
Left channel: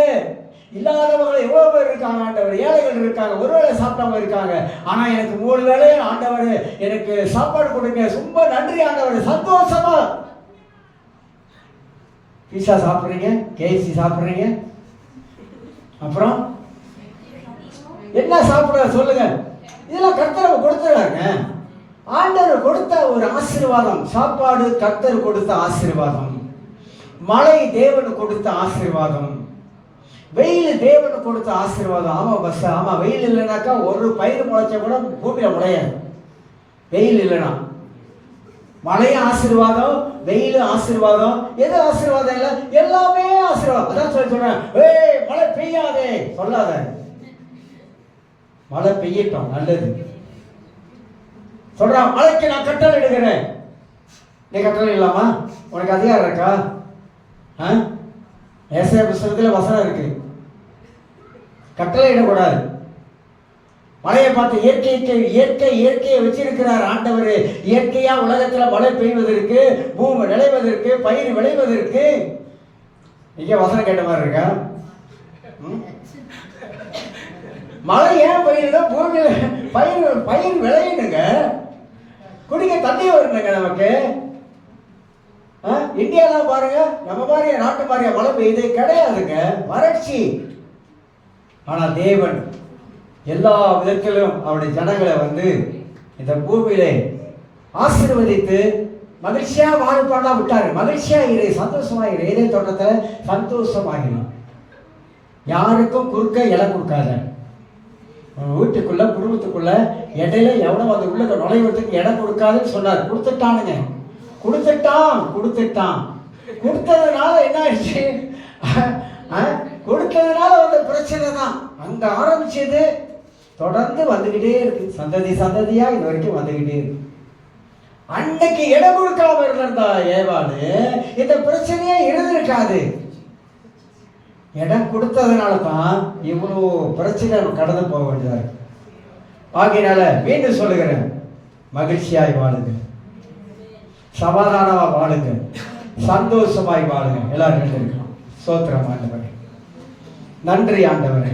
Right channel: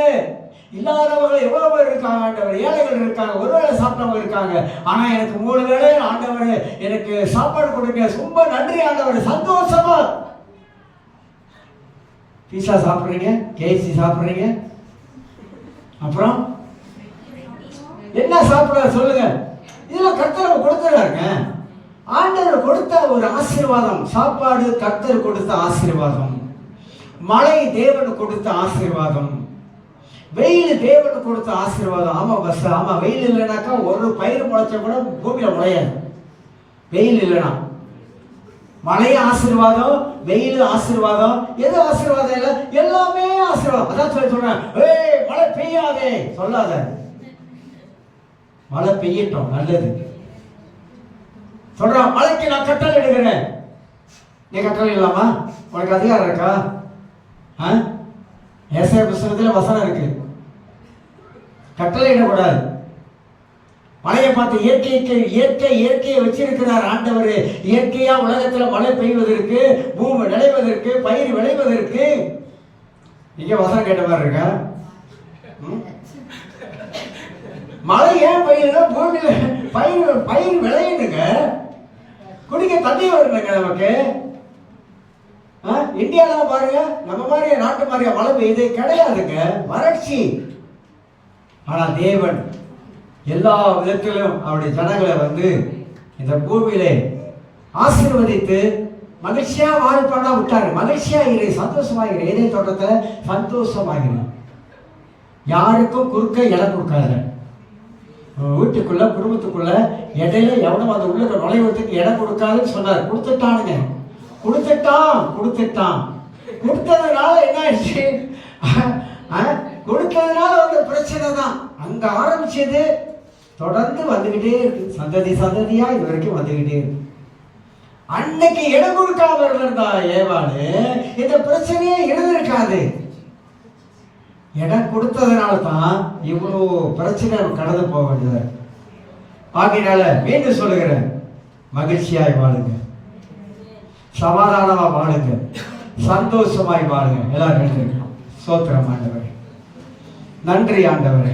இல்லாதவங்க எவ்வளவு பேர் இருக்காங்க, ஆண்டவர் ஏழைகள் இருக்காங்க, ஒரு வேளை சாப்பிட்டவங்க இருக்காங்க, ஆனா எனக்கு 3 வேளை ஆண்டவர் எனக்கு சாப்பாடு கொடுங்க, ரொம்ப நன்றி ஆண்டவர். சந்தோஷமா பீஸா சாப்பிட்றீங்க, கேஎஃப்சி சாப்பிட்றீங்க, அப்புறம் என்ன சாப்பிட சொல்லுங்க. இதெல்லாம் கர்த்தர் கொடுத்துறாங்க. ஆண்டவர் கொடுத்த ஒரு ஆசீர்வாதம், சாப்பாடு கர்த்தர் கொடுத்த ஆசீர்வாதம். மழை தேவன் கொடுத்த ஆசீர்வாதம், வெயில் தேவன் கொடுத்த ஆசீர்வாதம். ஆமா பஸ், ஆமா. வெயில் இல்லைனாக்கா ஒரு பயிர் முளைச்சா கூட பூமியில முளையாது. வெயில் இல்லைனா மழையும் ஆசீர்வாதம், வெயிலும் ஆசீர்வாதம். எது ஆசீர்வாதம் இல்லை? எல்லாமே ஆசீர்வாதம். அதான் சொல்றேன், ஏய் மழை பெய்யாதே சொல்லாத. மழை பெய்யட்டும், நல்லது சொல்றான். மழைக்கு நான் கட்டளை இடுகிறேன். நீ கட்டளை இல்லாமா? உனக்கு அதிகாரம் இருக்கா? ஏசாயா புஸ்தகத்தில் வசனம் இருக்கு, கட்டளை இடக்கூடாது. மழையை பார்த்து இயற்கையை வச்சிருக்கிறார் ஆண்டவர். இயற்கையா உலகத்துல மழை பெய்வதற்கு, பூமி விளைவதற்கு, பயிர் விளைவதற்கு. இங்க வசனம் கேட்ட மாதிரி இருக்கா? மழை ஏன் பெய்யுதுன்னா பூமியில பயிர் விளையுங்க, குடிக்க தண்ணி வருங்க நமக்கு. இந்தியாவில் பாருங்க, நம்ம மாதிரியா நாட்டு மாதிரியா மழை பெய்யுது கிடையாதுங்க, வறட்சி. ஆனா தேவன் எல்லா விதத்திலும் அவருடைய ஜனங்களை இந்த பூமியிலே ஆசீர்வதித்து மகிழ்ச்சியா வாழ்ப்பாடா விட்டாரு. மகிழ்ச்சியா இரு, சந்தோஷமா இரு. ஏதே தோட்டத்துல சந்தோஷமாகிடும். யாருக்கும் குறுக்க இடம் கொடுக்காத. வீட்டுக்குள்ள குடும்பத்துக்குள்ள இடையில எவனும் அந்த உள்ள நுழைவதற்கு இடம் கொடுக்காதுன்னு சொன்னார். கொடுத்துட்டானுங்க, கொடுத்துட்டான். கொடுத்ததுனால என்ன ஆயிடுச்சு? கொடுத்ததுனால வந்த பிரச்சனை தான். அங்க ஆரம்பிச்சது தொடர்ந்து வந்துகிட்டே இருக்கு, சந்ததியா இது வரைக்கும் வந்துகிட்டே இருக்கு. அன்னைக்கு இடம் கொடுக்காம இருந்தா ஏவாளு இந்த பிரச்சனையே இருந்திருக்காது. இடம் கொடுத்ததுனால தான் இவ்வளோ பிரச்சனை கடந்து போக வேண்டியது. ஆகையினால மீண்டும் சொல்லுகிறேன், மகிழ்ச்சியாய் வாழுங்க, சமாதானமா வாழுங்க, சந்தோஷமாய் வாழுங்க. எல்லாரும் சோத்திரம் ஆண்டவரே, நன்றி ஆண்டவரே.